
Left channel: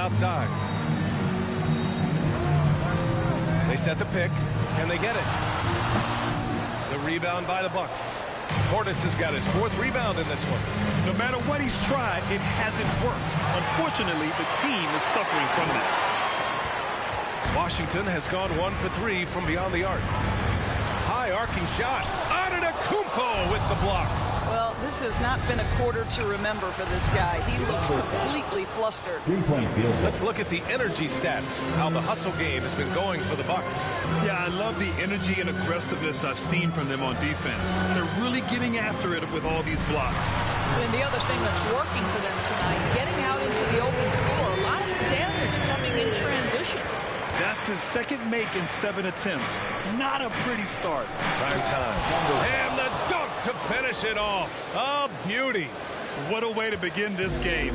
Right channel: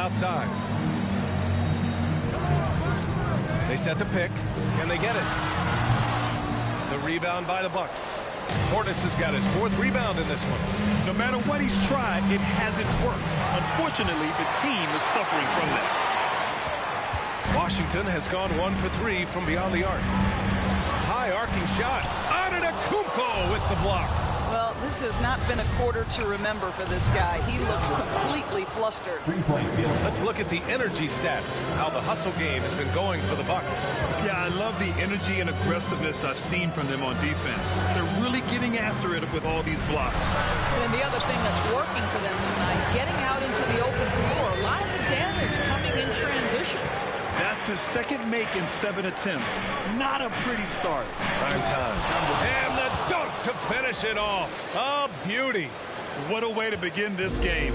outside. They set the pick. Can they get it? The rebound by the Bucks. Portis has got his 4th rebound in this one. No matter what he's tried, it hasn't worked. Unfortunately, the team is suffering from that. Washington has gone 1 for 3 from beyond the arc. High arcing shot. Antetokounmpo with the block. Well, this has not been a quarter to remember for this guy. He looks completely flustered. Let's look at the energy stats, how the hustle game has been going for the Bucks. Yeah, I love the energy and aggressiveness I've seen from them on defense. They're really getting after it with all these blocks. And the other thing that's working for them tonight, getting out into the open floor. A lot of the damage coming in transition. That's his 2nd make in 7 attempts. Not a pretty start. Prime time. And the dunk to finish it off. A beauty. What a way to begin this game.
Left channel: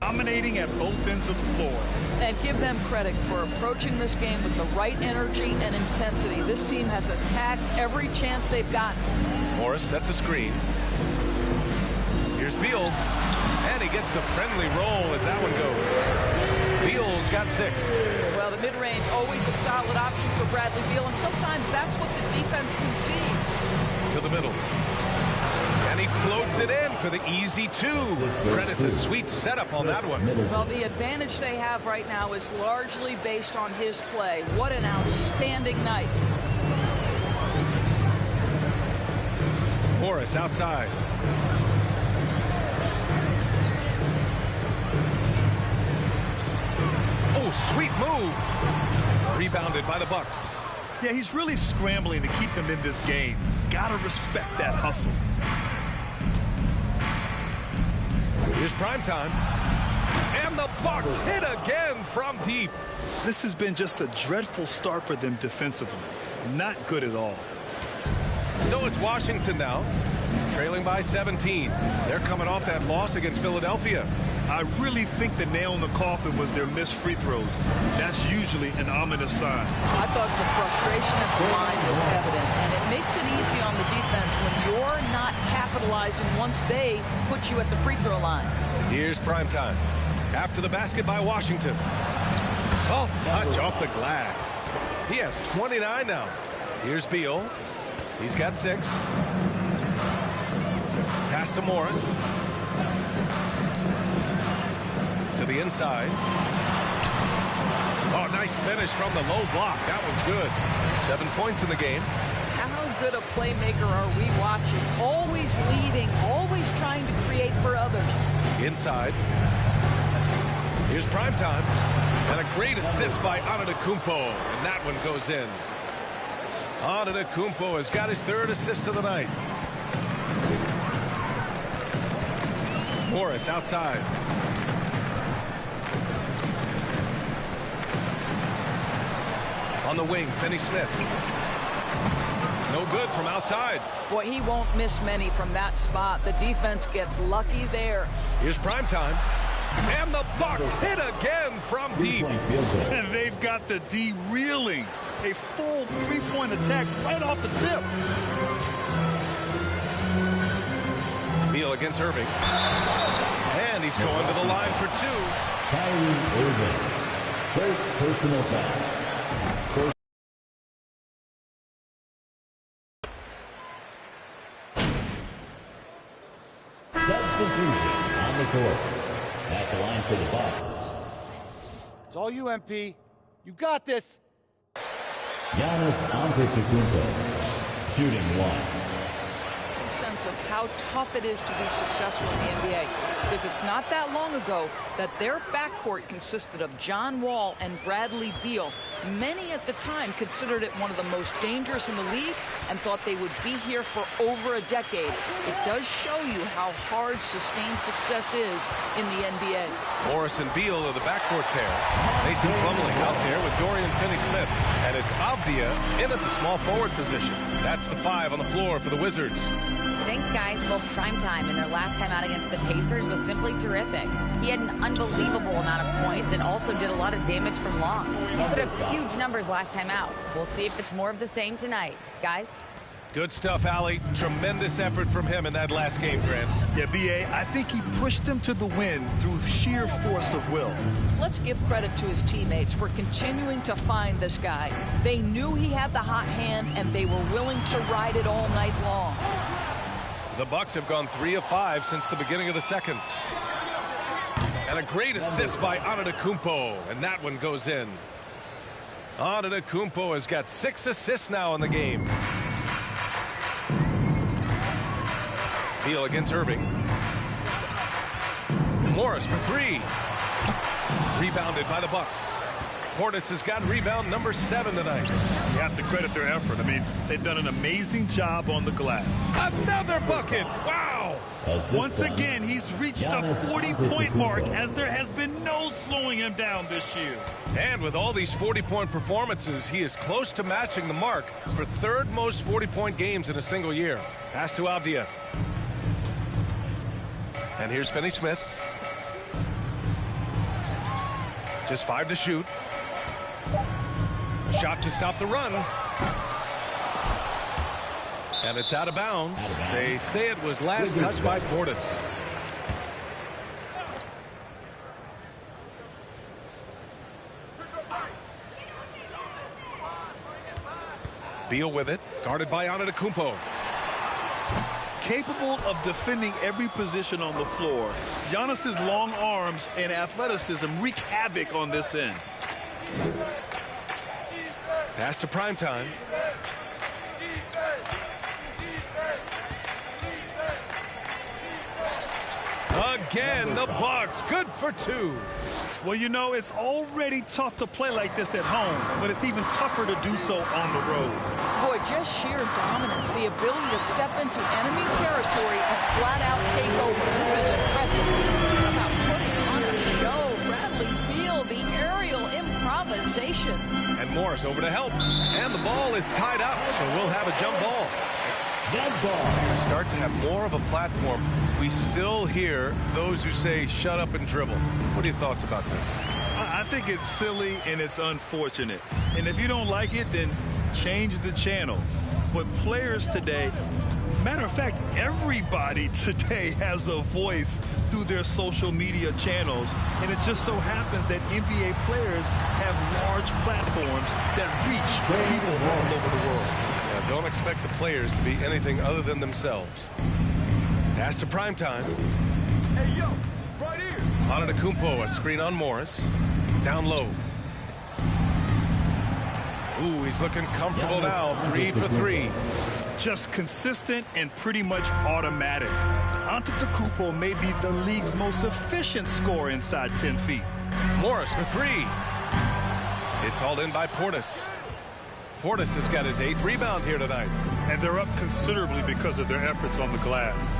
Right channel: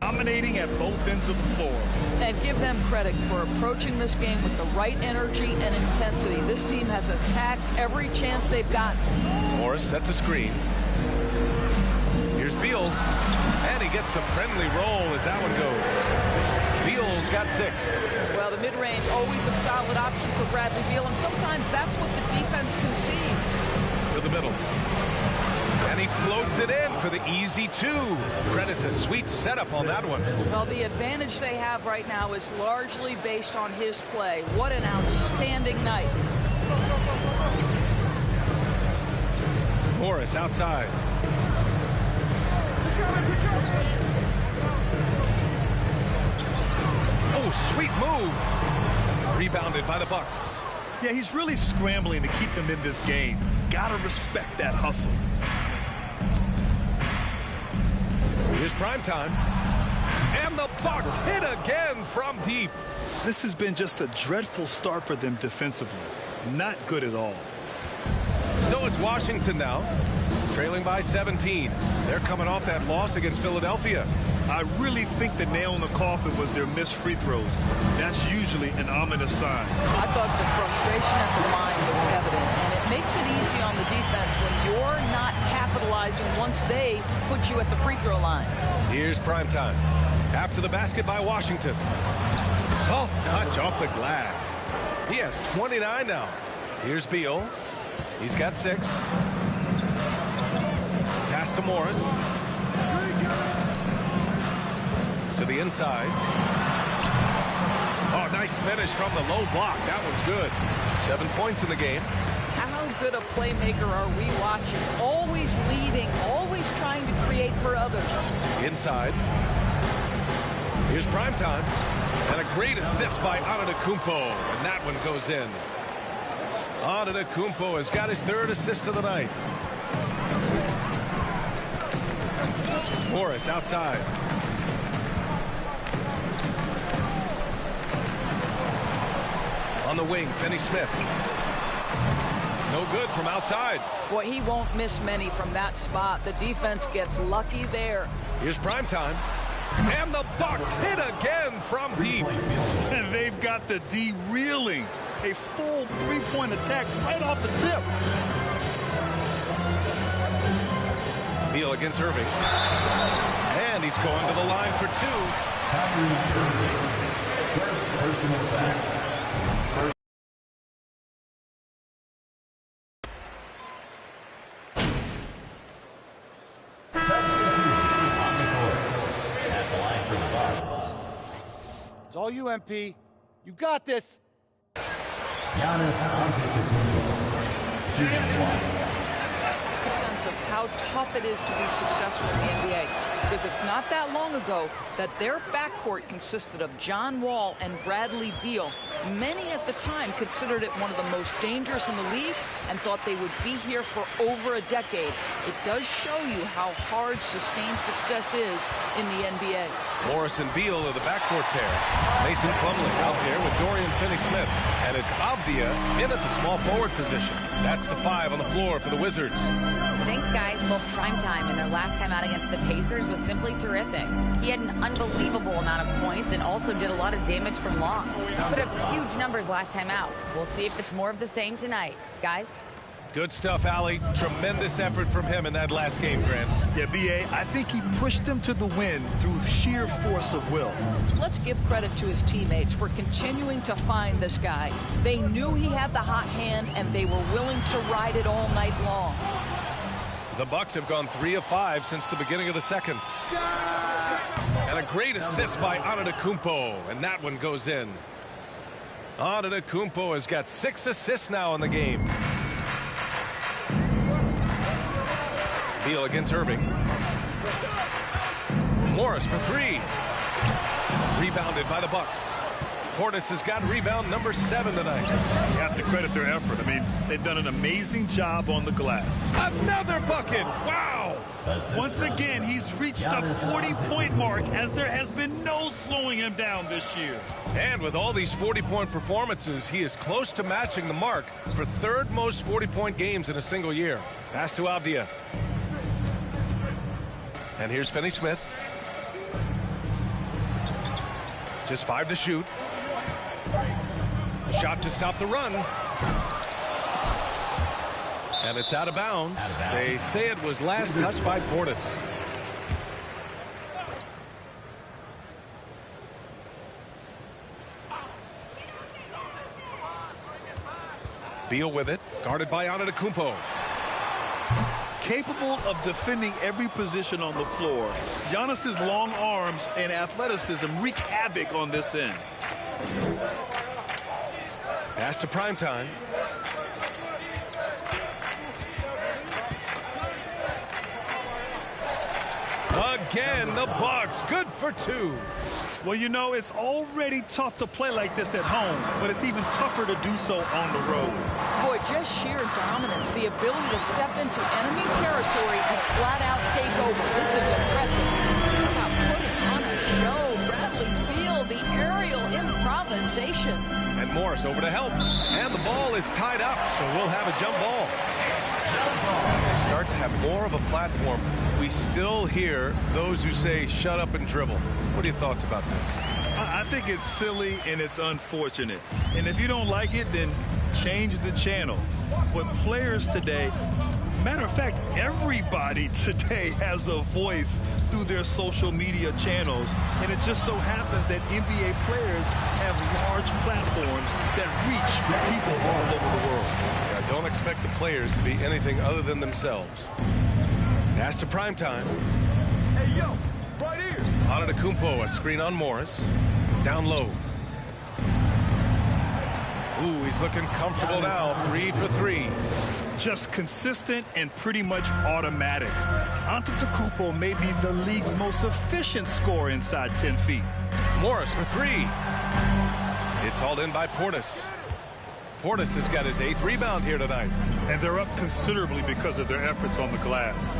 Dominating at both ends of the floor. And give them credit for approaching this game with the right energy and intensity. This team has attacked every chance they've gotten. Morris sets a screen. Here's Beal. And he gets the friendly roll as that one goes. Beal's got 6. Well, the mid-range, always a solid option for Bradley Beal, and sometimes that's what the defense concedes. To the middle. And he floats it in for the easy 2. Credit the sweet setup on that one. Well, the advantage they have right now is largely based on his play. What an outstanding night. Morris outside. Oh, sweet move. Rebounded by the Bucks. Yeah, he's really scrambling to keep them in this game. Gotta respect that hustle. Here's prime time. And the Bucks hit again from deep. This has been just a dreadful start for them defensively. Not good at all. So it's Washington now, trailing by 17. They're coming off that loss against Philadelphia. I really think the nail in the coffin was their missed free throws. That's usually an ominous sign. I thought the frustration at the line was evident, and it makes it easy on the defense when you're not capitalizing once they put you at the free throw line. Here's prime time. After the basket by Washington. Soft touch off the glass. He has 29 now. Here's Beal. He's got 6. Pass to Morris. To the inside. Oh, nice finish from the low block. That one's good. 7 points in the game. How good a playmaker are we watching? Always leading, always trying to create for others. Inside. Here's prime time. And a great assist by Antetokounmpo. And that one goes in. Antetokounmpo has got his 3rd assist of the night. Morris outside. On the wing, Finney-Smith. No good from outside. Boy, he won't miss many from that spot. The defense gets lucky there. Here's prime time. And the Bucks hit again from deep. And they've got the D reeling. A full 3-point attack right off the tip. Beal against Irving. And he's going to the line for 2. Kyrie Irving. First personal foul. Substitution on the court. At the line for the Bucks. It's all you, MP. You got this. Giannis Antetokounmpo. Shooting 1. Sense of how tough it is to be successful in the NBA, because it's not that long ago that their backcourt consisted of John Wall and Bradley Beal. Many at the time considered it one of the most dangerous in the league and thought they would be here for over a decade. It does show you how hard sustained success is in the NBA. Morris and Beal are the backcourt pair. Mason Plumlee out there with Dorian Finney-Smith. And it's Avdia in at the small forward position. That's the 5 on the floor for the Wizards. Thanks, guys. Well, prime time in their last time out against the Pacers was simply terrific. He had an unbelievable amount of points and also did a lot of damage from long. He put up huge numbers last time out. We'll see if it's more of the same tonight. Guys? Good stuff, Allie. Tremendous effort from him in that last game, Grant. Yeah, B.A., I think he pushed them to the win through sheer force of will. Let's give credit to his teammates for continuing to find this guy. They knew he had the hot hand, and they were willing to ride it all night long. The Bucks have gone 3 of 5 since the beginning of the second. And a great assist by Antetokounmpo, and that one goes in. Antetokounmpo has got 6 assists now in the game. Beal against Irving. Morris for 3. Rebounded by the Bucks. Portis has got rebound number 7 tonight. You have to credit their effort. I mean, they've done an amazing job on the glass. Another bucket. Wow. Once again, he's reached the 40-point mark as there has been no slowing him down this year. And with all these 40-point performances, he is close to matching the mark for 3rd most 40-point games in a single year. Pass to Avdia. And here's Finney-Smith. Just 5 to shoot. A shot to stop the run. And it's out of bounds. They say it was last touched by Portis. Beal with it. Guarded by Antetokounmpo. Capable of defending every position on the floor, Giannis's long arms and athleticism wreak havoc on this end. Pass to Primetime. Again, the Bucks, good for 2. Well, you know, it's already tough to play like this at home, but it's even tougher to do so on the road. Boy, just sheer dominance, the ability to step into enemy territory and flat out take over. This is impressive. How about putting on a show? Bradley Beal, the aerial improvisation. And Morris over to help. And the ball is tied up, so we'll have a jump ball. Players start to have more of a platform. We still hear those who say shut up and dribble. What are your thoughts about this? I think it's silly and it's unfortunate. And if you don't like it, then change the channel. But players today, matter of fact, everybody today has a voice through their social media channels. And it just so happens that NBA players have large platforms that reach people all over the world. Yeah, don't expect the players to be anything other than themselves. Pass to Primetime. Hey, yo, right here. Antetokounmpo, a screen on Morris. Down low. Ooh, he's looking comfortable now. 3 for 3. Just consistent and pretty much automatic. Antetokounmpo may be the league's most efficient scorer inside 10 feet. Morris for 3. It's hauled in by Portis. Portis has got his 8th rebound here tonight. And they're up considerably because of their efforts on the glass.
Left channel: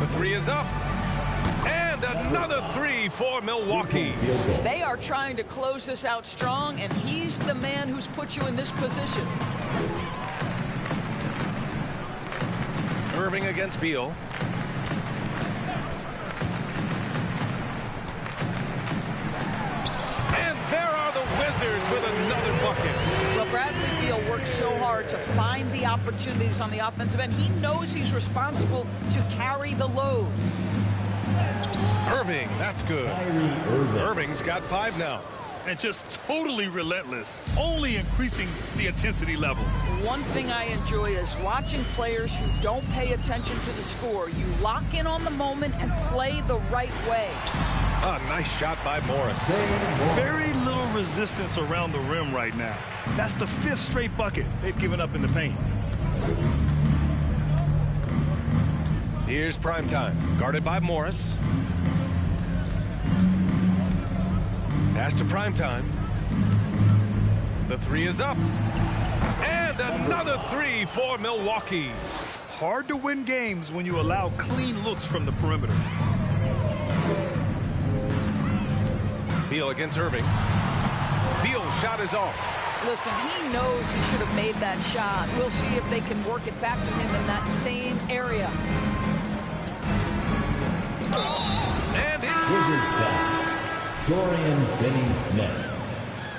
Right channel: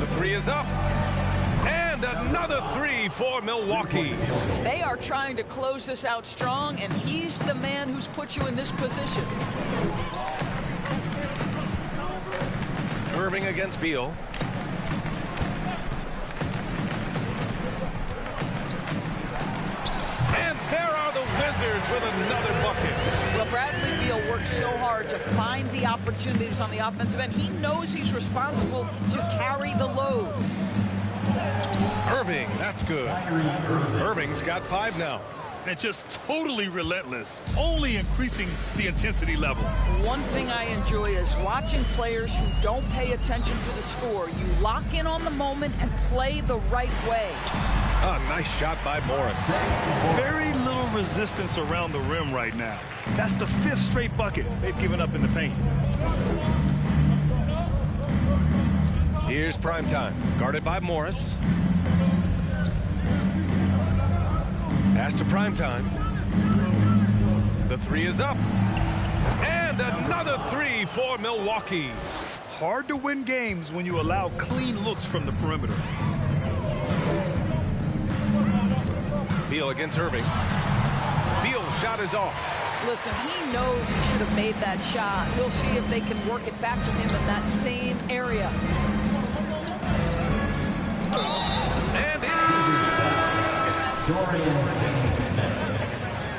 The 3 is up. And another 3 for Milwaukee. They are trying to close this out strong, and he's the man who's put you in this position. Irving against Beal. And there are the Wizards with another bucket. Well, Bradley Beal works so hard to find the opportunities on the offensive end. He knows he's responsible to carry the load. Irving, that's good. Irving's got 5 now. And just totally relentless, only increasing the intensity level. One thing I enjoy is watching players who don't pay attention to the score. You lock in on the moment and play the right way. A nice shot by Morris. Very little resistance around the rim right now. That's the 5th straight bucket they've given up in the paint. Here's Primetime, guarded by Morris. Pass to Primetime. The 3 is up. And another 3 for Milwaukee. Hard to win games when you allow clean looks from the perimeter. Beal against Irving. Beal's shot is off. Listen, he knows he should have made that shot. We'll see if they can work it back to him in that same area. And it... Wizards foul. Dorian Finney-Smith.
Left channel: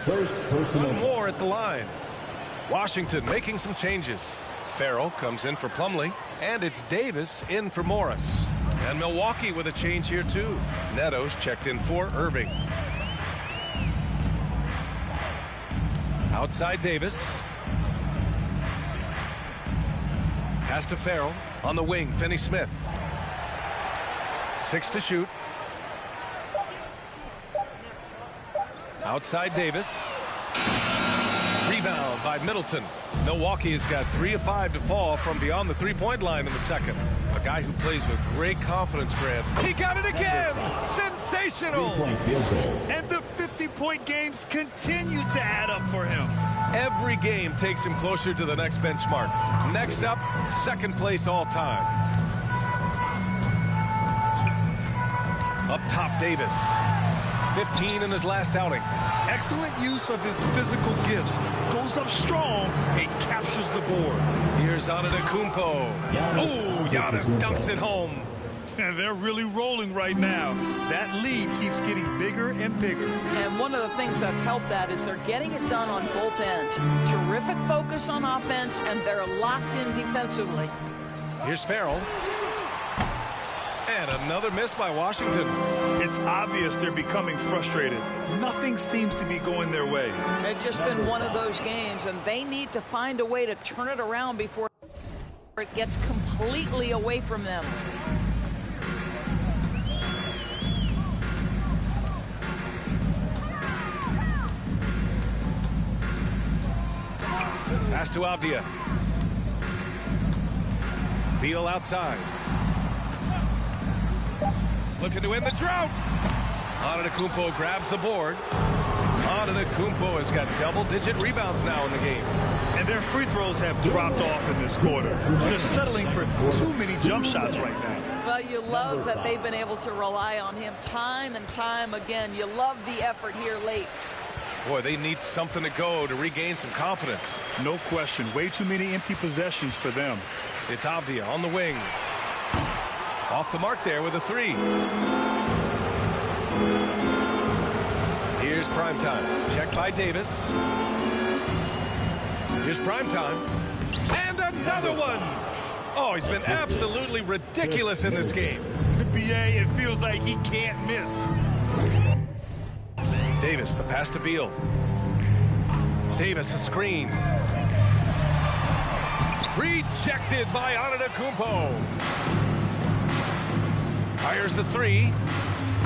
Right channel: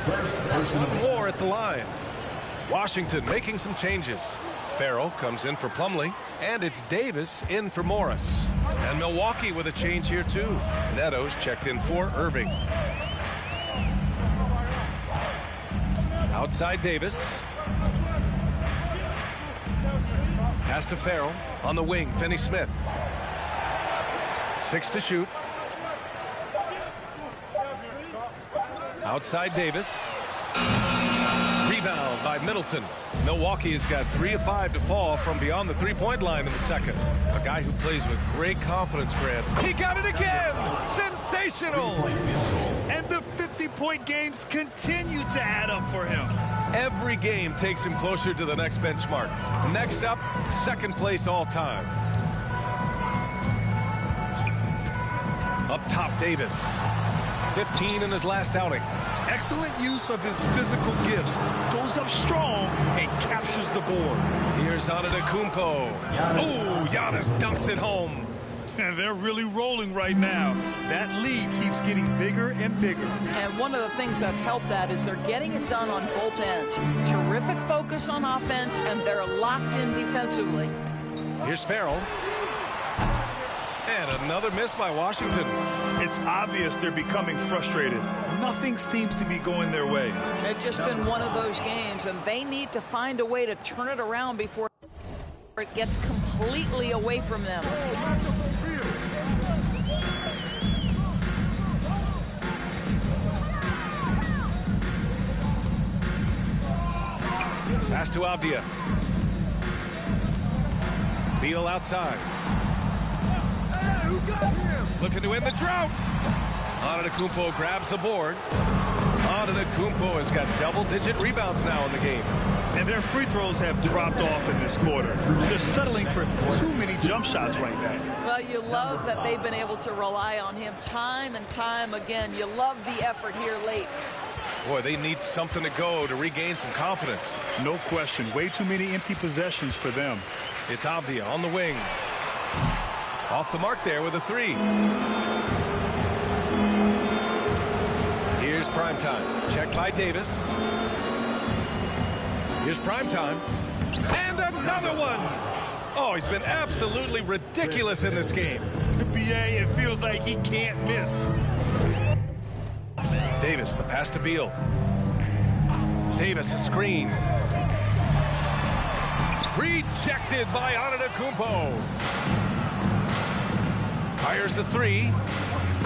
First personal. One more at the line. Washington making some changes. Farrell comes in for Plumlee, and it's Davis in for Morris. And Milwaukee with a change here too. Neto's checked in for Irving. Outside Davis. Pass to Farrell. On the wing, Finney-Smith. 6 to shoot. Outside Davis. Rebound by Middleton. Milwaukee has got 3 of 5 to fall from beyond the three-point line in the second. A guy who plays with great confidence, Grant. He got it again! Sensational! And the 50-point games continue to add up for him. Every game takes him closer to the next benchmark. Next up, second place all time. Up top, Davis. 15 in his last outing. Excellent use of his physical gifts. Goes up strong and captures the board. Here's Antetokounmpo. Oh, Giannis dunks it home. And they're really rolling right now. That lead keeps getting bigger and bigger. And one of the things that's helped that is they're getting it done on both ends. Terrific focus on offense, and they're locked in defensively. Here's Farrell. And another miss by Washington. It's obvious they're becoming frustrated. Nothing seems to be going their way. It's just been one of those games, and they need to find a way to turn it around before it gets completely away from them. Pass to Avdia. Beal outside. Looking to end the drought. Antetokounmpo grabs the board. Antetokounmpo has got double-digit rebounds now in the game. And their free throws have dropped off in this quarter. They're settling for too many jump shots right now. Well, you love that they've been able to rely on him time and time again. You love the effort here late. Boy, they need something to go to regain some confidence. No question. Way too many empty possessions for them. It's Avdia on the wing. Off the mark there with a 3. Here's Primetime. Check by Davis. Here's Primetime. And another one! Oh, he's been absolutely ridiculous in this game. The BA, it feels like he can't miss. Davis, the pass to Beal. Davis, a screen. Rejected by Antetokounmpo. Fires the 3.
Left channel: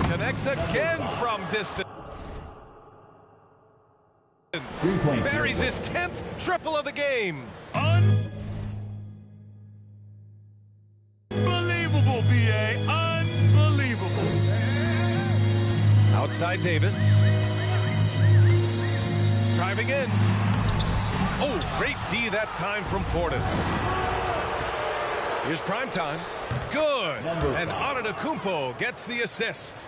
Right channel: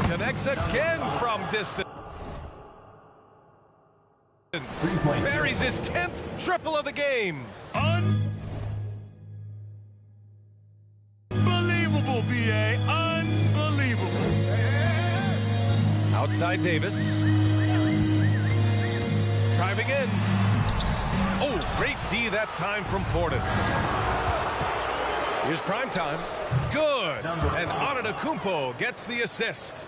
Connects again from distance. Buries his 10th triple of the game. Unbelievable, BA. Unbelievable. Outside Davis. Driving in. Oh, great D that time from Portis. Here's Primetime. Good. And Antetokounmpo gets the assist.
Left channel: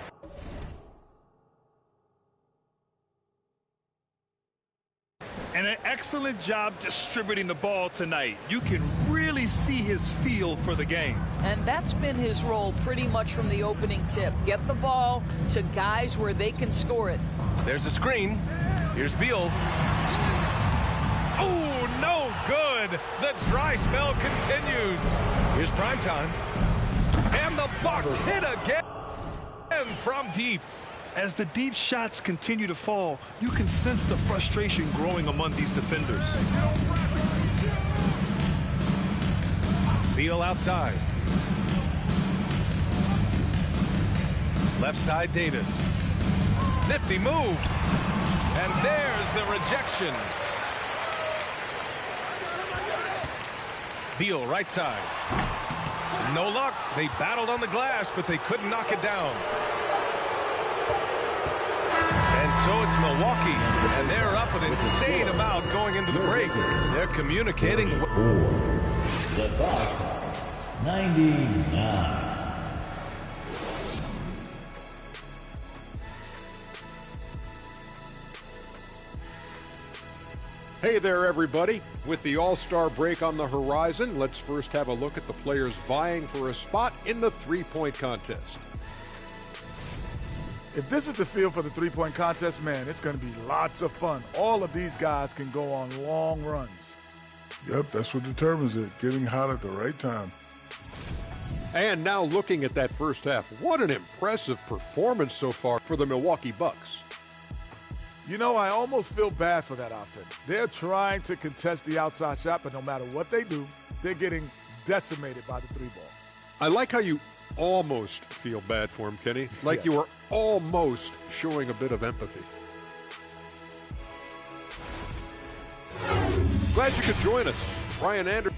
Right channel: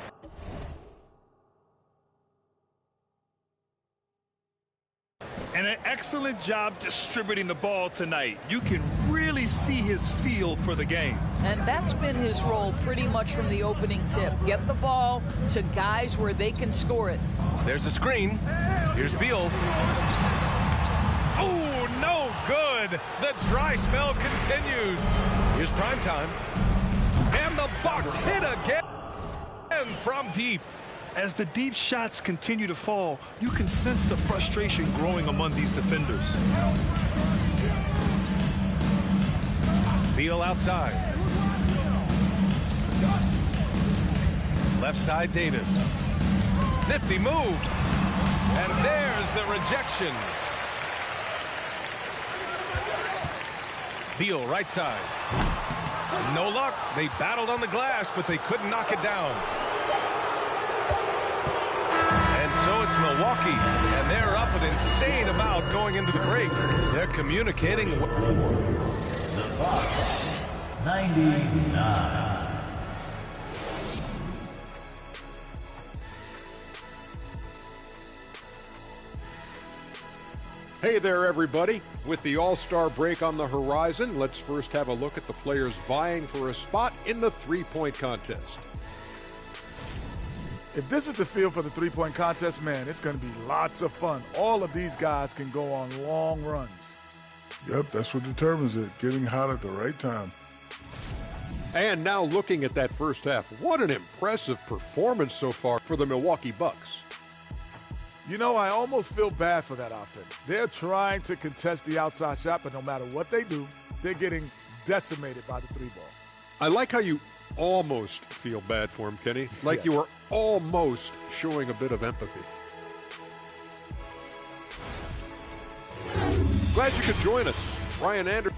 And an excellent job distributing the ball tonight. You can really see his feel for the game. And that's been his role pretty much from the opening tip. Get the ball to guys where they can score it. There's a screen. Here's Beal. Oh, no good. The dry spell continues. Here's Primetime. And the Bucks hit again from deep. As the deep shots continue to fall, you can sense the frustration growing among these defenders. Beal outside. Left side Davis. Nifty move. And there's the rejection. Beal right side. No luck. They battled on the glass, but they couldn't knock it down. And so it's Milwaukee, and they're up an insane amount going into the break. They're communicating. The Bucks, 99. Hey there, everybody. With the All-Star break on the horizon, let's first have a look at the players vying for a spot in the three-point contest. If this is the field for the three-point contest, man, it's going to be lots of fun. All of these guys can go on long runs. Yep, that's what determines it, getting hot at the right time. And now looking at that first half, what an impressive performance so far for the Milwaukee Bucks. You know, I almost feel bad for that offense. They're trying to contest the outside shot, but no matter what they do, they're getting decimated by the three ball. I like how you almost feel bad for him, Kenny. Like you were almost showing a bit of empathy. Glad you could join us. Ryan Anderson.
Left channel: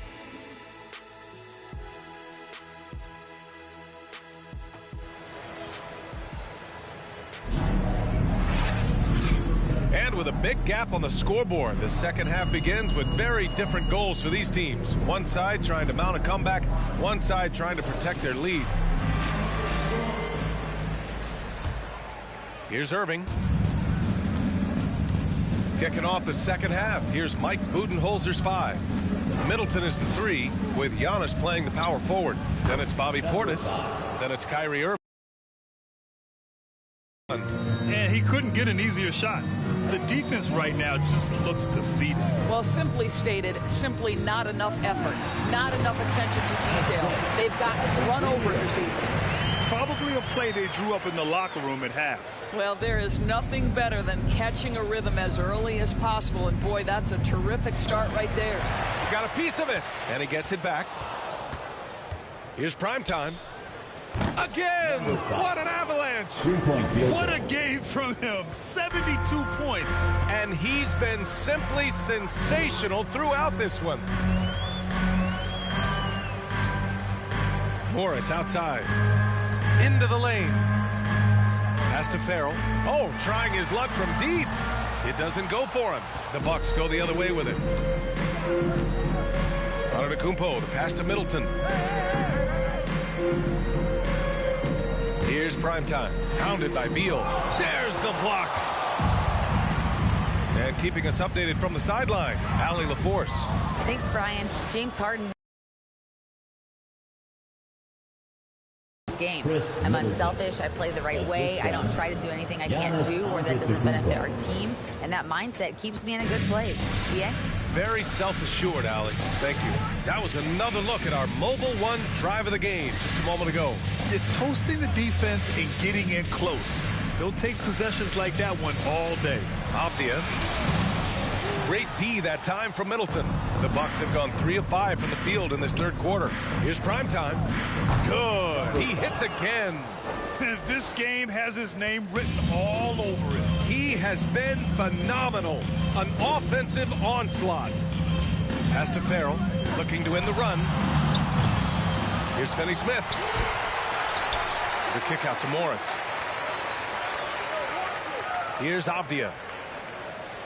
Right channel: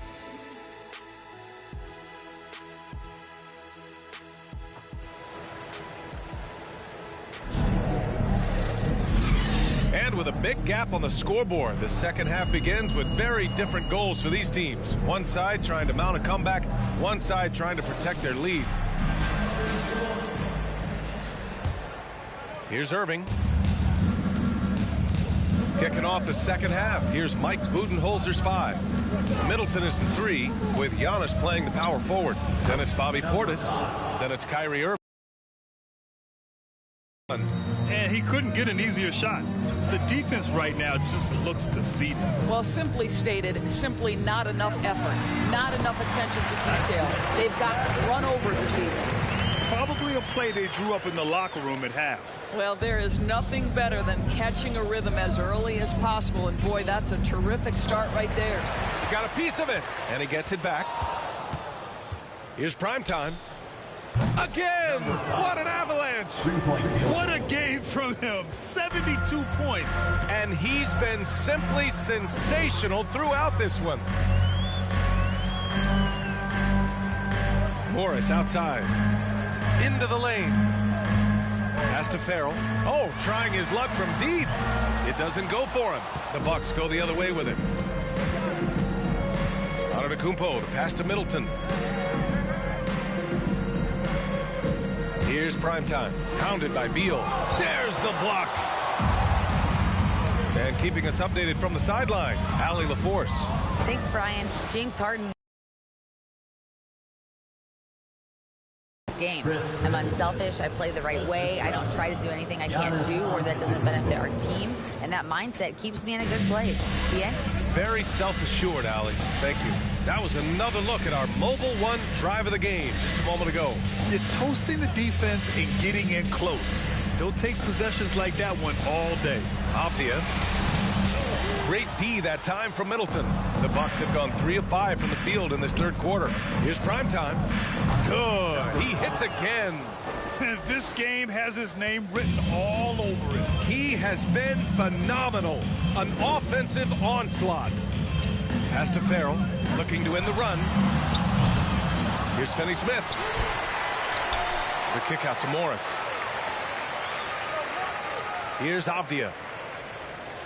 And with a big gap on the scoreboard, the second half begins with very different goals for these teams. One side trying to mount a comeback, one side trying to protect their lead. Here's Irving. Kicking off the second half, here's Mike Budenholzer's 5. Middleton is the 3, with Giannis playing the power forward. Then it's Bobby Portis. Then it's Kyrie Irving. And he couldn't get an easier shot. The defense right now just looks defeated. Well, simply stated, simply not enough effort, not enough attention to detail. They've gotten run over this evening. Probably a play they drew up in the locker room at half. Well, there is nothing better than catching a rhythm as early as possible, and boy, that's a terrific start right there. He got a piece of it, and he gets it back. Here's primetime. Again! What an avalanche! What a game from him! 72 points! And he's been simply sensational throughout this one. Morris outside. Into the lane. Pass to Farrell. Oh, trying his luck from deep. It doesn't go for him. The Bucks go the other way with it. Antetokounmpo, the pass to Middleton. Here's primetime. Pounded by Beal. There's the block. And keeping us updated from the sideline, Allie LaForce. Thanks, Brian. James Harden. Game. I'm unselfish. I play the right way. I don't try to do anything I can't do or that doesn't benefit our team. And that mindset keeps me in a good place. Yeah? Very self-assured, Allie. Thank you. That was another look at our Mobile One drive of the game just a moment ago. You're toasting the defense and getting in close. They'll take possessions like that one all day. Avdia. Great D that time from Middleton. The Bucks have gone 3 of 5 from the field in this third quarter. Here's primetime. Good. He hits again. This game has his name written all over it. He has been phenomenal. An offensive onslaught. Pass to Farrell, looking to end the run. Here's Finney-Smith. The kick out to Morris. Here's Avdia.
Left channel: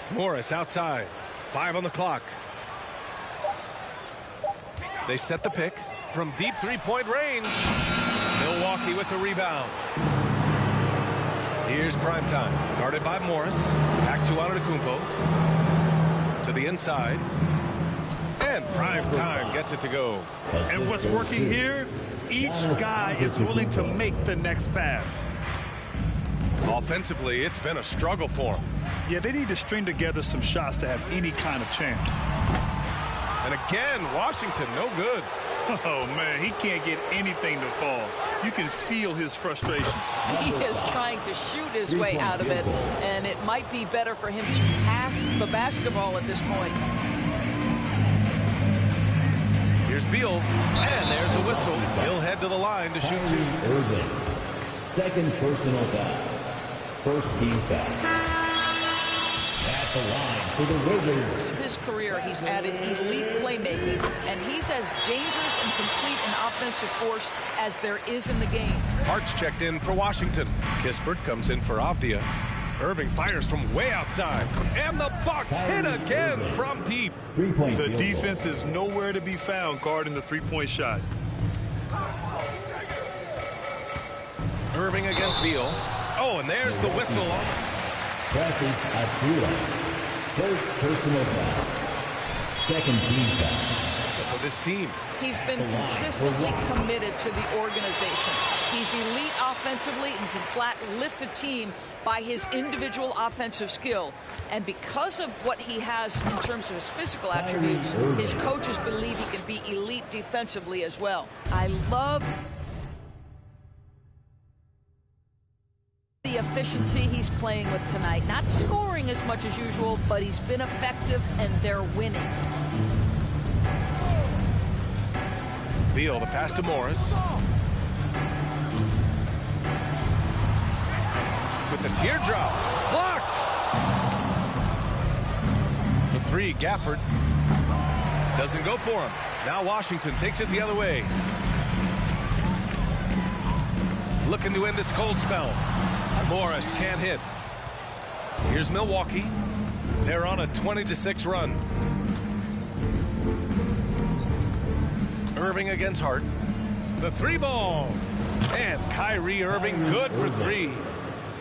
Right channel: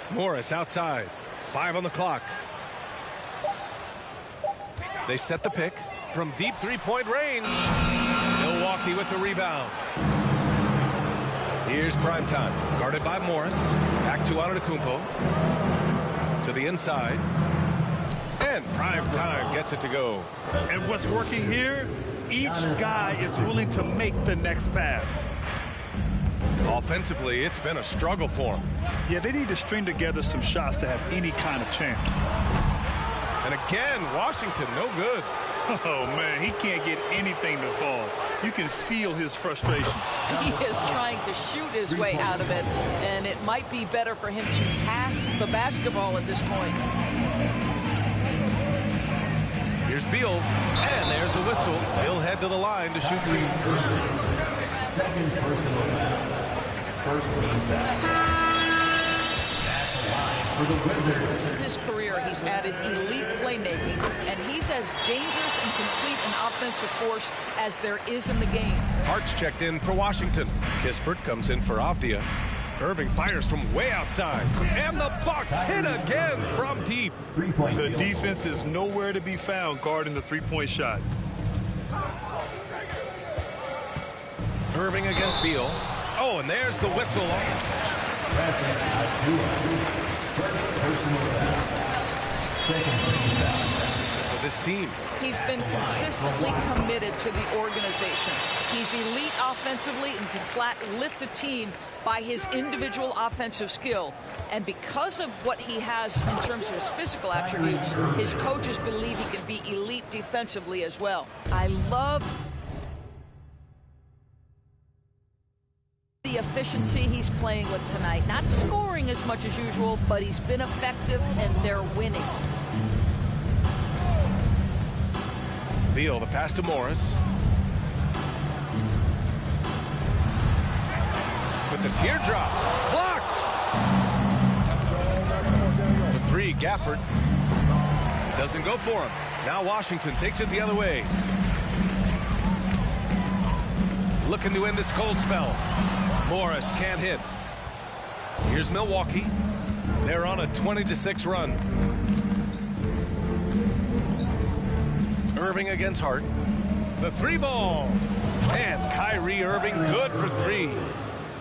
Morris outside. 5 on the clock. They set the pick from deep three-point range. Milwaukee with the rebound. Here's primetime. Guarded by Morris. Back to Antetokounmpo. To the inside. And primetime gets it to go. And what's working here? Each guy is willing to make the next pass. Offensively, it's been a struggle for them. Yeah, they need to string together some shots to have any kind of chance. And again, Washington, no good. Oh, man, he can't get anything to fall. You can feel his frustration. He is trying to shoot his way out of it, and it might be better for him to pass the basketball at this point. Here's Beal, and there's a whistle. He'll head to the line to shoot 2. Irving. Second personal foul. First team foul. At the line for the Wizards. In his career, he's added elite playmaking, and he's as dangerous and complete an offensive force as there is in the game. Hart's checked in for Washington. Kispert comes in for Avdia. Irving fires from way outside. And the Bucks hit again from deep. The defense is nowhere to be found guarding the three-point shot. Irving against Beal. Oh, and there's the whistle. Presence at 3. First personal foul. Second team foul. For this team. He's been consistently committed to the organization. He's elite offensively and can flat lift a team by his individual offensive skill. And because of what he has in terms of his physical attributes, his coaches believe he can be elite defensively as well. I love the efficiency he's playing with tonight. Not scoring as much as usual, but he's been effective and they're winning. Beal, the pass to Morris. With the teardrop. Blocked! The three, Gafford. Doesn't go for him. Now Washington takes it the other way. Looking to end this cold spell. Morris can't hit. Here's Milwaukee. They're on a 20-6 run. Irving against Hart. The three ball. And Kyrie Irving good for three.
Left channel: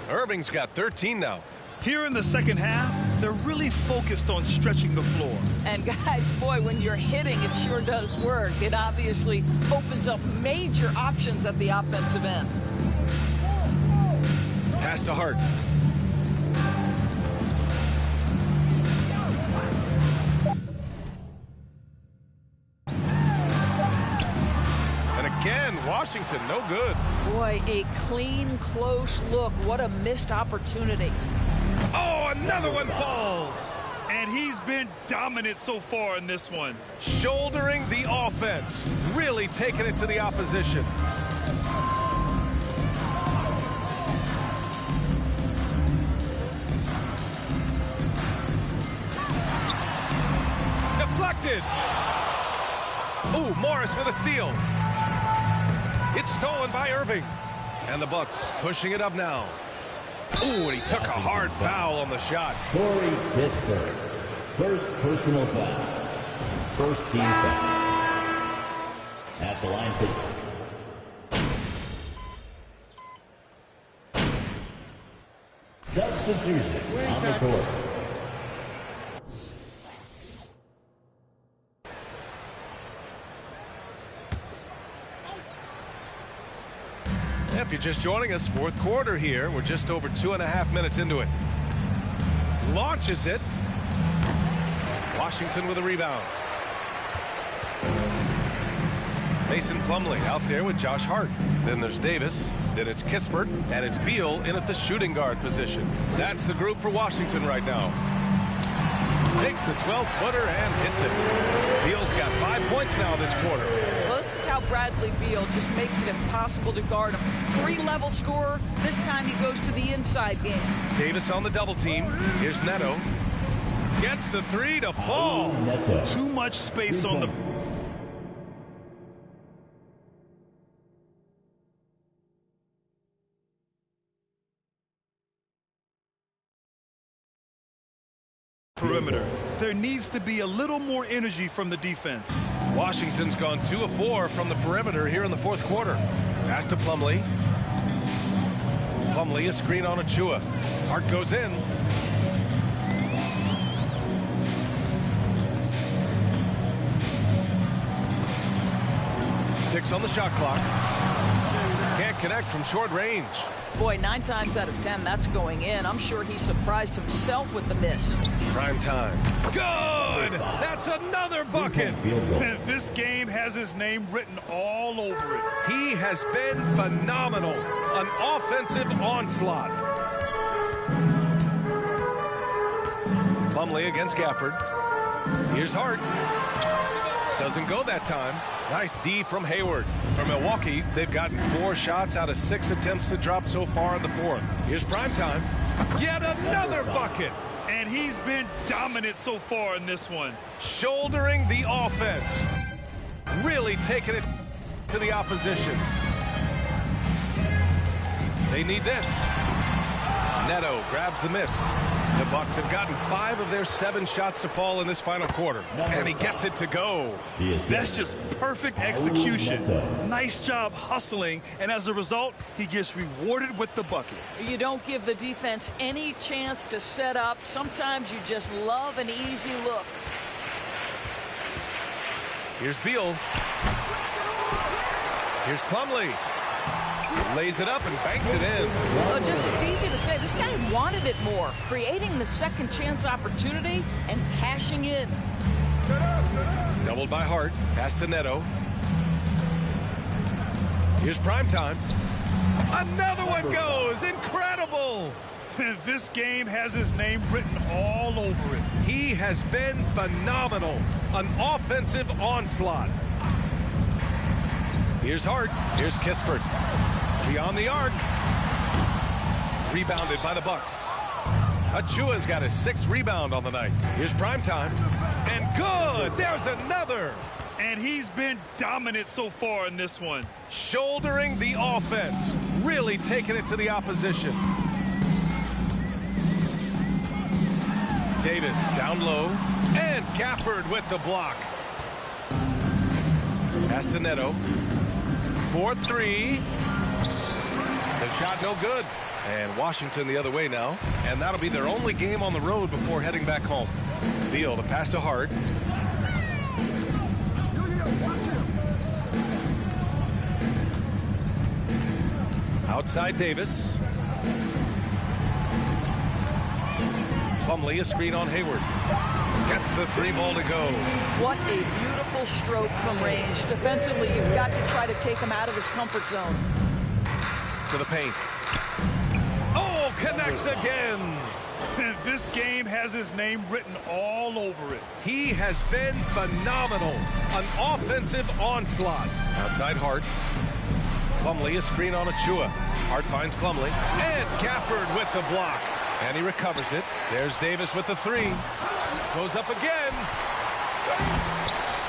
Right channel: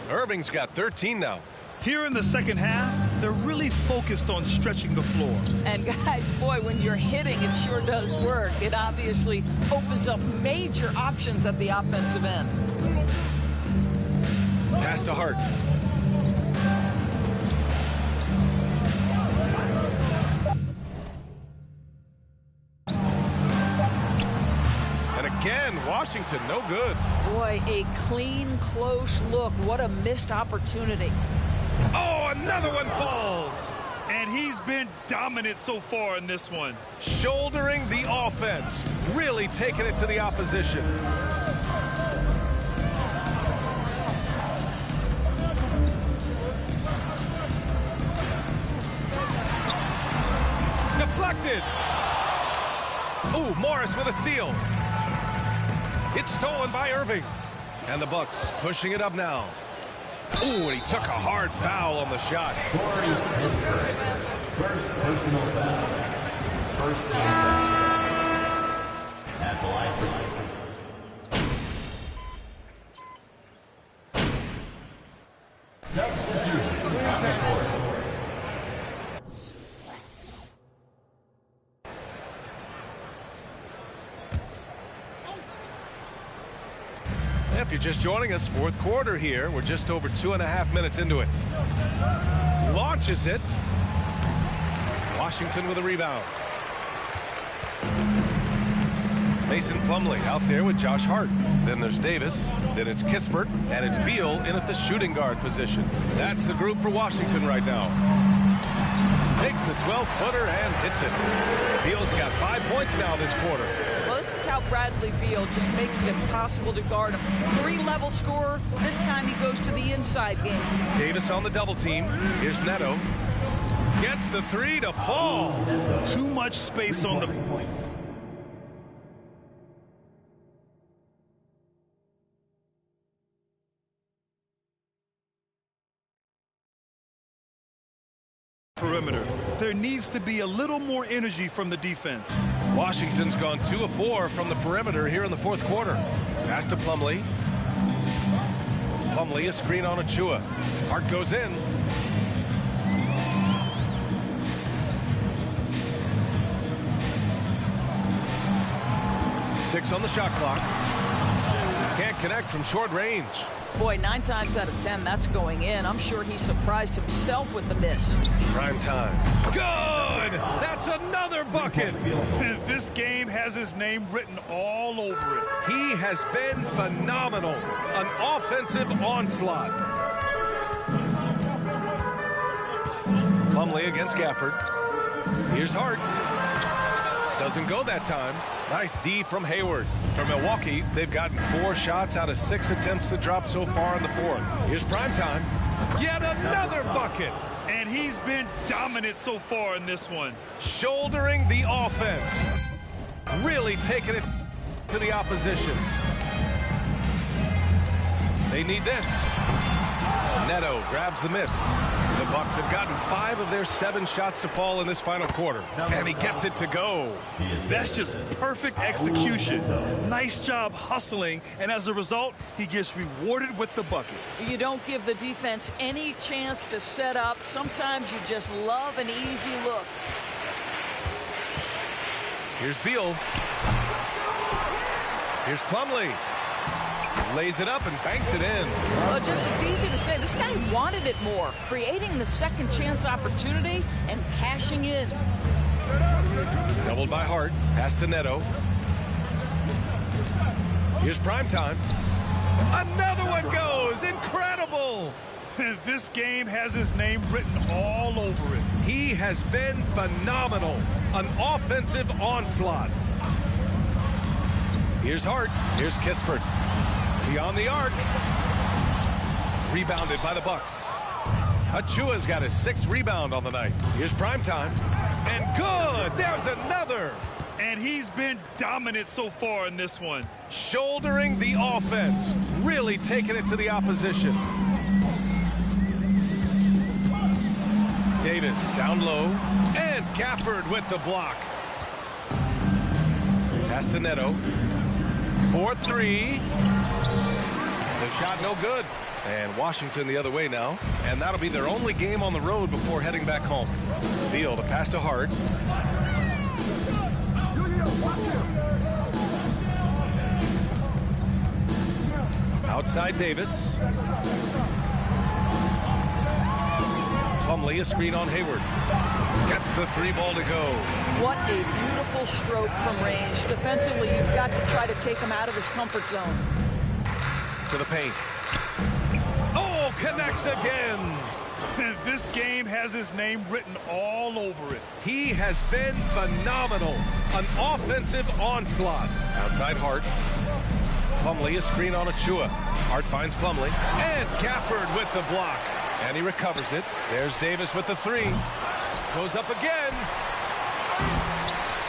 Irving's got 13 now. Here in the second half, they're really focused on stretching the floor. And guys, boy, when you're hitting, it sure does work. It obviously opens up major options at the offensive end. Pass to Hart. And again, Washington, no good. Boy, a clean, close look. What a missed opportunity. Oh, another one falls. And he's been dominant so far in this one. Shouldering the offense. Really taking it to the opposition. Deflected. Ooh, Morris with a steal. It's stolen by Irving. And the Bucks pushing it up now. Ooh, and he took a hard foul on the shot. Corey Pittsburgh. First personal foul. First team foul. At the line for substitution on the court. If you're just joining us, fourth quarter here. We're just over 2.5 minutes into it. Launches it. Washington with a rebound. Mason Plumlee out there with Josh Hart. Then there's Davis. Then it's Kispert. And it's Beal in at the shooting guard position. That's the group for Washington right now. Takes the 12-footer and hits it. Beal's got 5 points now this quarter. Well, this is how Bradley Beal just makes it impossible to guard him. 3-level scorer. This time he goes to the inside game. Davis on the double team. Here's Neto. Gets the three to fall. Too much space on the perimeter. There needs to be a little more energy from the defense. Washington's gone 2 of 4 from the perimeter here in the fourth quarter. Pass to Plumlee. Plumlee, a screen on Achua. Hart goes in. Six on the shot clock. Can't connect from short range. Boy, 9 times out of 10, that's going in. I'm sure he surprised himself with the miss. Prime time. Good! That's another bucket! This game has his name written all over it. He has been phenomenal. An offensive onslaught. Plumlee against Gafford. Here's Hart. Doesn't go that time. Nice D from Hayward. For Milwaukee, they've gotten 4 shots out of 6 attempts to drop so far in the fourth. Here's primetime. Yet another bucket. And he's been dominant so far in this one. Shouldering the offense. Really taking it to the opposition. They need this. Neto grabs the miss. The Bucks have gotten 5 of their 7 shots to fall in this final quarter. And he gets it to go. That's just perfect execution. Nice job hustling, and as a result, he gets rewarded with the bucket. You don't give the defense any chance to set up. Sometimes you just love an easy look. Here's Beal. Here's Plumlee. He lays it up and banks it in. Well, just it's easy to say. This guy wanted it more, creating the second chance opportunity and cashing in. Doubled by Hart. Pass to Neto. Here's Primetime. Another one goes. Incredible. This game has his name written all over it. He has been phenomenal. An offensive onslaught. Here's Hart. Here's Kispert. Beyond the arc. Rebounded by the Bucks. Achua's got his 6th rebound on the night. Here's Primetime. And good. There's another. And he's been dominant so far in this one. Shouldering the offense. Really taking it to the opposition. Davis down low. And Gafford with the block. Pass to Neto. 4-3. The shot no good. And Washington the other way now. And that'll be their only game on the road before heading back home. Beal to pass to Hart. Outside Davis. Plumlee, a screen on Hayward. Gets the 3 ball to go. What a beautiful stroke from range. Defensively, you've got to try to take him out of his comfort zone. To the paint. Oh, connects again. This game has his name written all over it. He has been phenomenal. An offensive onslaught. Outside Hart. Plumlee, a screen on Achua. Hart finds Plumlee. And Gafford with the block. And he recovers it. There's Davis with the 3. Goes up again.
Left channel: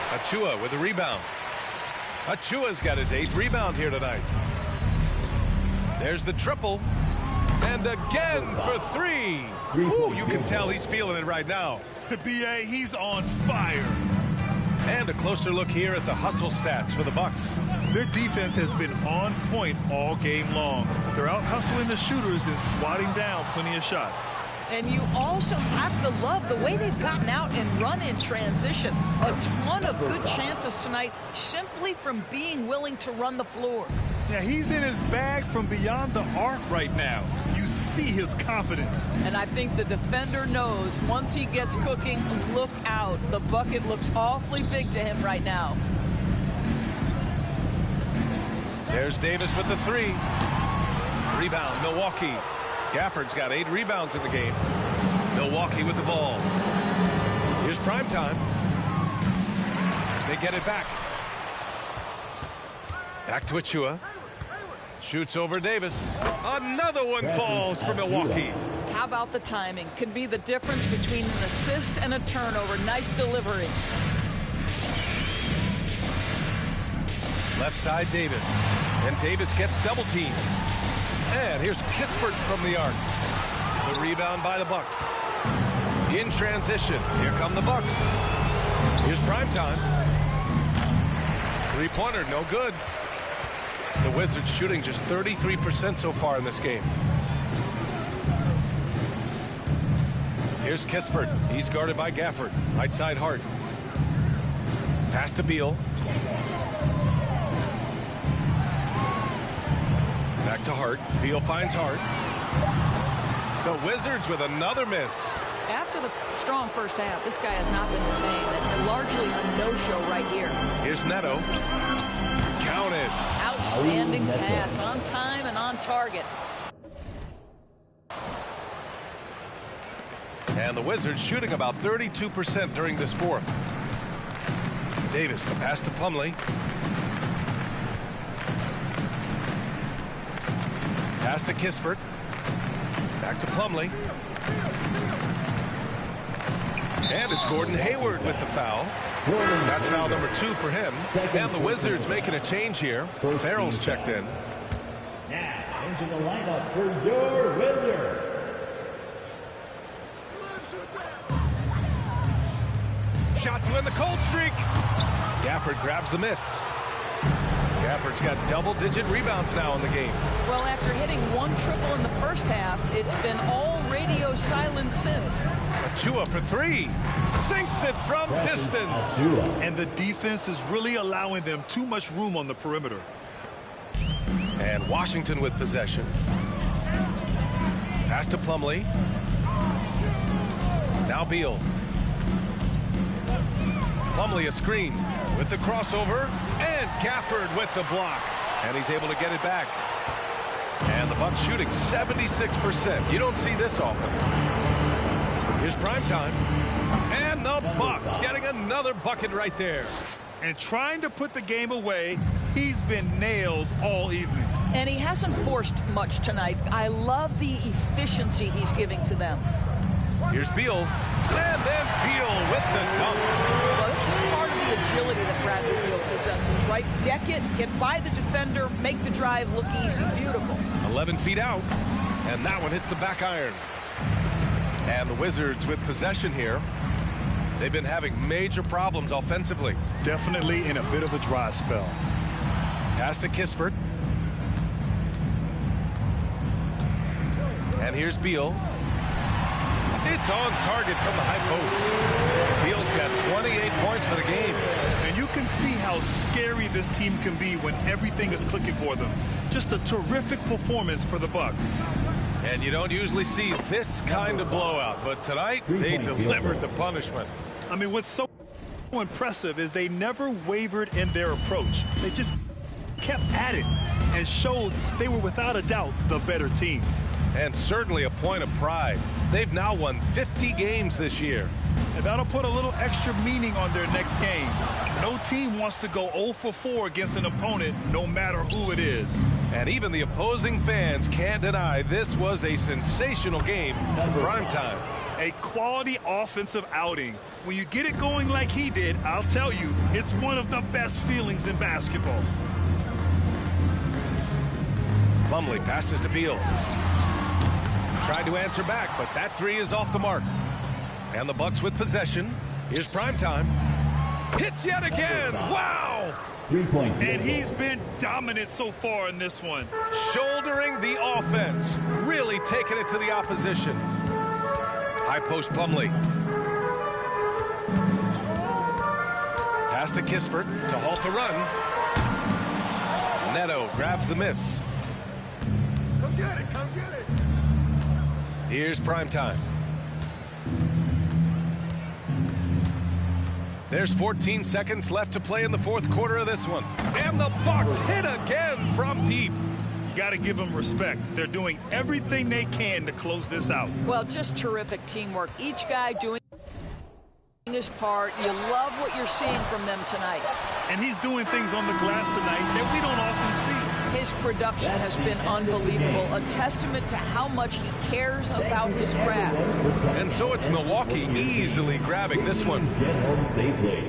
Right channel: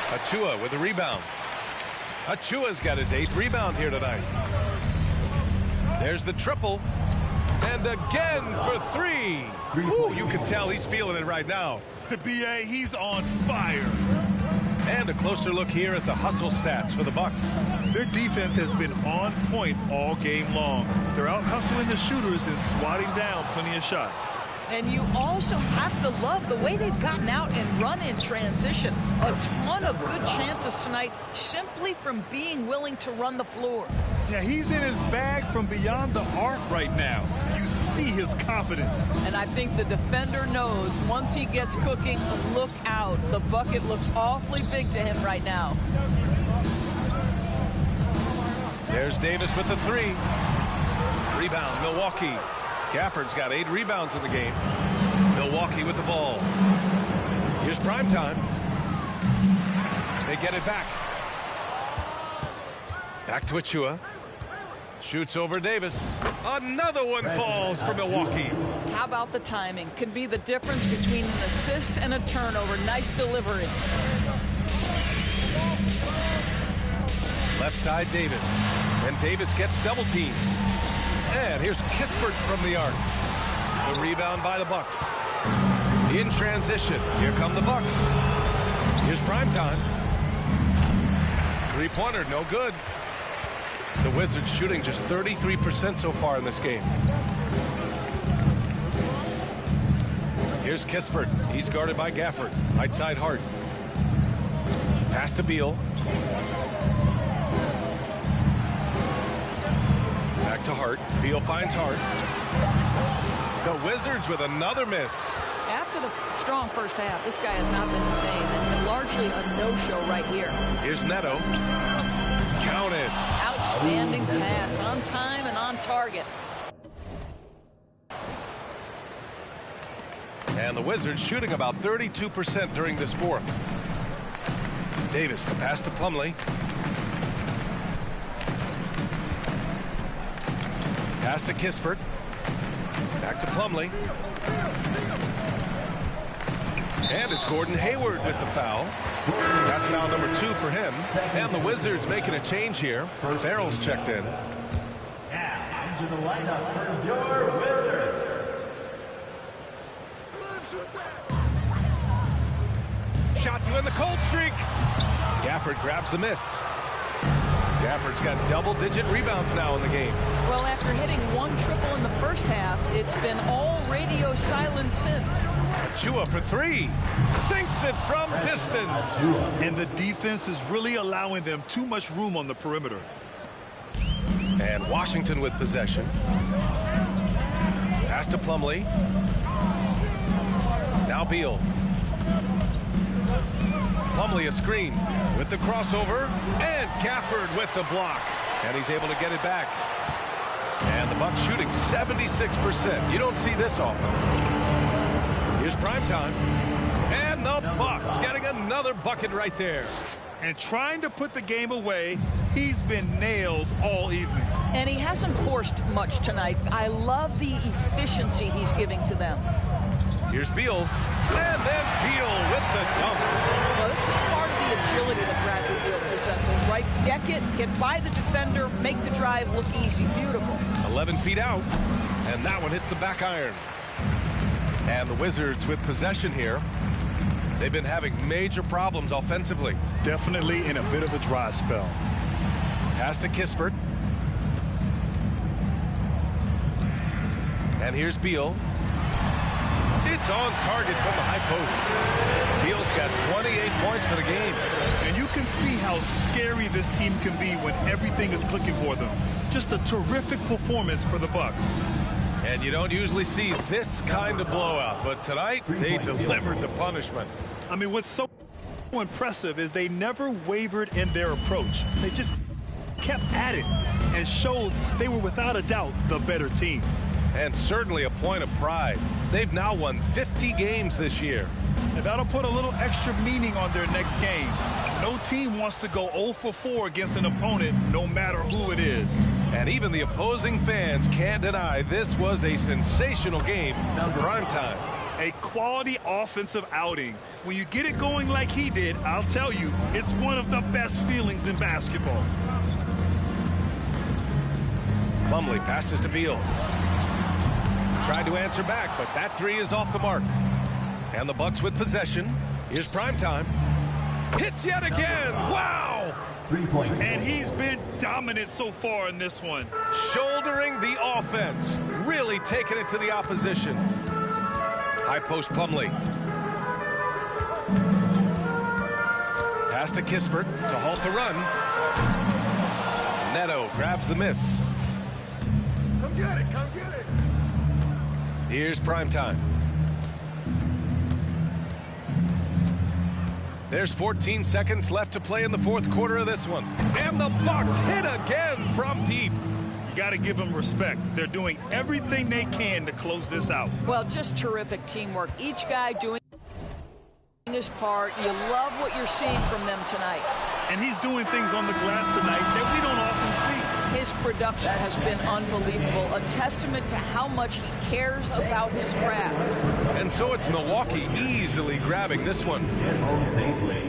Achua with the rebound. Achua's got his 8th rebound here tonight. There's the triple. And again for 3. Ooh, you can tell he's feeling it right now. B.A., he's on fire. And a closer look here at the hustle stats for the Bucks. Their defense has been on point all game long. They're out hustling the shooters and swatting down plenty of shots. And you also have to love the way they've gotten out and run in transition. A ton of good chances tonight simply from being willing to run the floor. Yeah, he's in his bag from beyond the arc right now. You see his confidence. And I think the defender knows once he gets cooking, look out. The bucket looks awfully big to him right now. There's Davis with the 3. Rebound, Milwaukee. Gafford's got 8 rebounds in the game. Milwaukee with the ball. Here's Primetime. They get it back. Back to Achua. Shoots over Davis. Another one falls for Milwaukee. How about the timing? Can be the difference between an assist and a turnover. Nice delivery. Left side Davis. And Davis gets double teamed. And here's Kispert from the arc. The rebound by the Bucks. In transition. Here come the Bucks. Here's Primetime. 3-pointer, no good. The Wizards shooting just 33% so far in this game. Here's Kispert. He's guarded by Gafford. Right side Hart. Pass to Beal. Back to Hart. Beal finds Hart. The Wizards with another miss. After the strong first half, this guy has not been the same, and largely a no-show right here. Here's Neto. Counted. Outstanding pass, on time and on target. And the Wizards shooting about 32% during this fourth. Davis, the pass to Plumlee. Pass to Kispert. Back to Plumlee. And it's Gordon Hayward with the foul. That's foul number 2 for him. And the Wizards making a change here. Farrell's checked in. Now, into the lineup for your Wizards. Shot to end the cold streak. Gafford grabs the miss. Gafford's got double-digit rebounds now in the game. Well, after hitting 1 triple in the first half, it's been all radio silence since. Achua for 3. Sinks it from distance. And the defense is really allowing them too much room on the perimeter. And Washington with possession. Pass to Plumlee. Now Beal. Plumlee a screen with the crossover, and Gafford with the block, and he's able to get it back. And the Bucks shooting 76%. You don't see this often. Here's primetime, and the Bucks getting another bucket right there. And trying to put the game away, he's been nails all evening. And he hasn't forced much tonight. I love the efficiency he's giving to them. Here's Beal, and then Beal with the dunk. Well, this is part of the agility that Bradley Beal possesses, right? Deck it, get by the defender, make the drive look easy. Beautiful. 11 feet out, and that one hits the back iron. And the Wizards with possession here. They've been having major problems offensively. Definitely in a bit of a dry spell. Pass to Kispert. And here's Beal. It's on target from the high post. Beal's got 28 points for the game. And you can see how scary this team can be when everything is clicking for them. Just a terrific performance for the Bucks. And you don't usually see this kind of blowout, but tonight they delivered the punishment. I mean, what's so impressive is they never wavered in their approach. They just kept at it and showed they were without a doubt the better team. And certainly a point of pride. They've now won 50 games this year. And that'll put a little extra meaning on their next game. No team wants to go 0 for 4 against an opponent, no matter who it is. And even the opposing fans can't deny this was a sensational game for primetime. A quality offensive outing. When you get it going like he did, I'll tell you, it's one of the best feelings in basketball. Plumlee passes to Beal. Tried to answer back, but that 3 is off the mark. And the Bucks with possession. Here's primetime. Hits yet again. Wow! 3-point. And he's been dominant so far in this one. Shouldering the offense. Really taking it to the opposition. High post Plumlee. Pass to Kispert to halt the run. Neto grabs the miss. Come get it, come get it. Here's primetime. There's 14 seconds left to play in the fourth quarter of this one. And the Bucks hit again from deep. You got to give them respect. They're doing everything they can to close this out. Well, just terrific teamwork. Each guy doing his part. You love what you're seeing from them tonight. And he's doing things on the glass tonight that we don't often see. His production has been unbelievable, a testament to how much he cares about his craft. And so it's Milwaukee easily grabbing this one. Get home safely.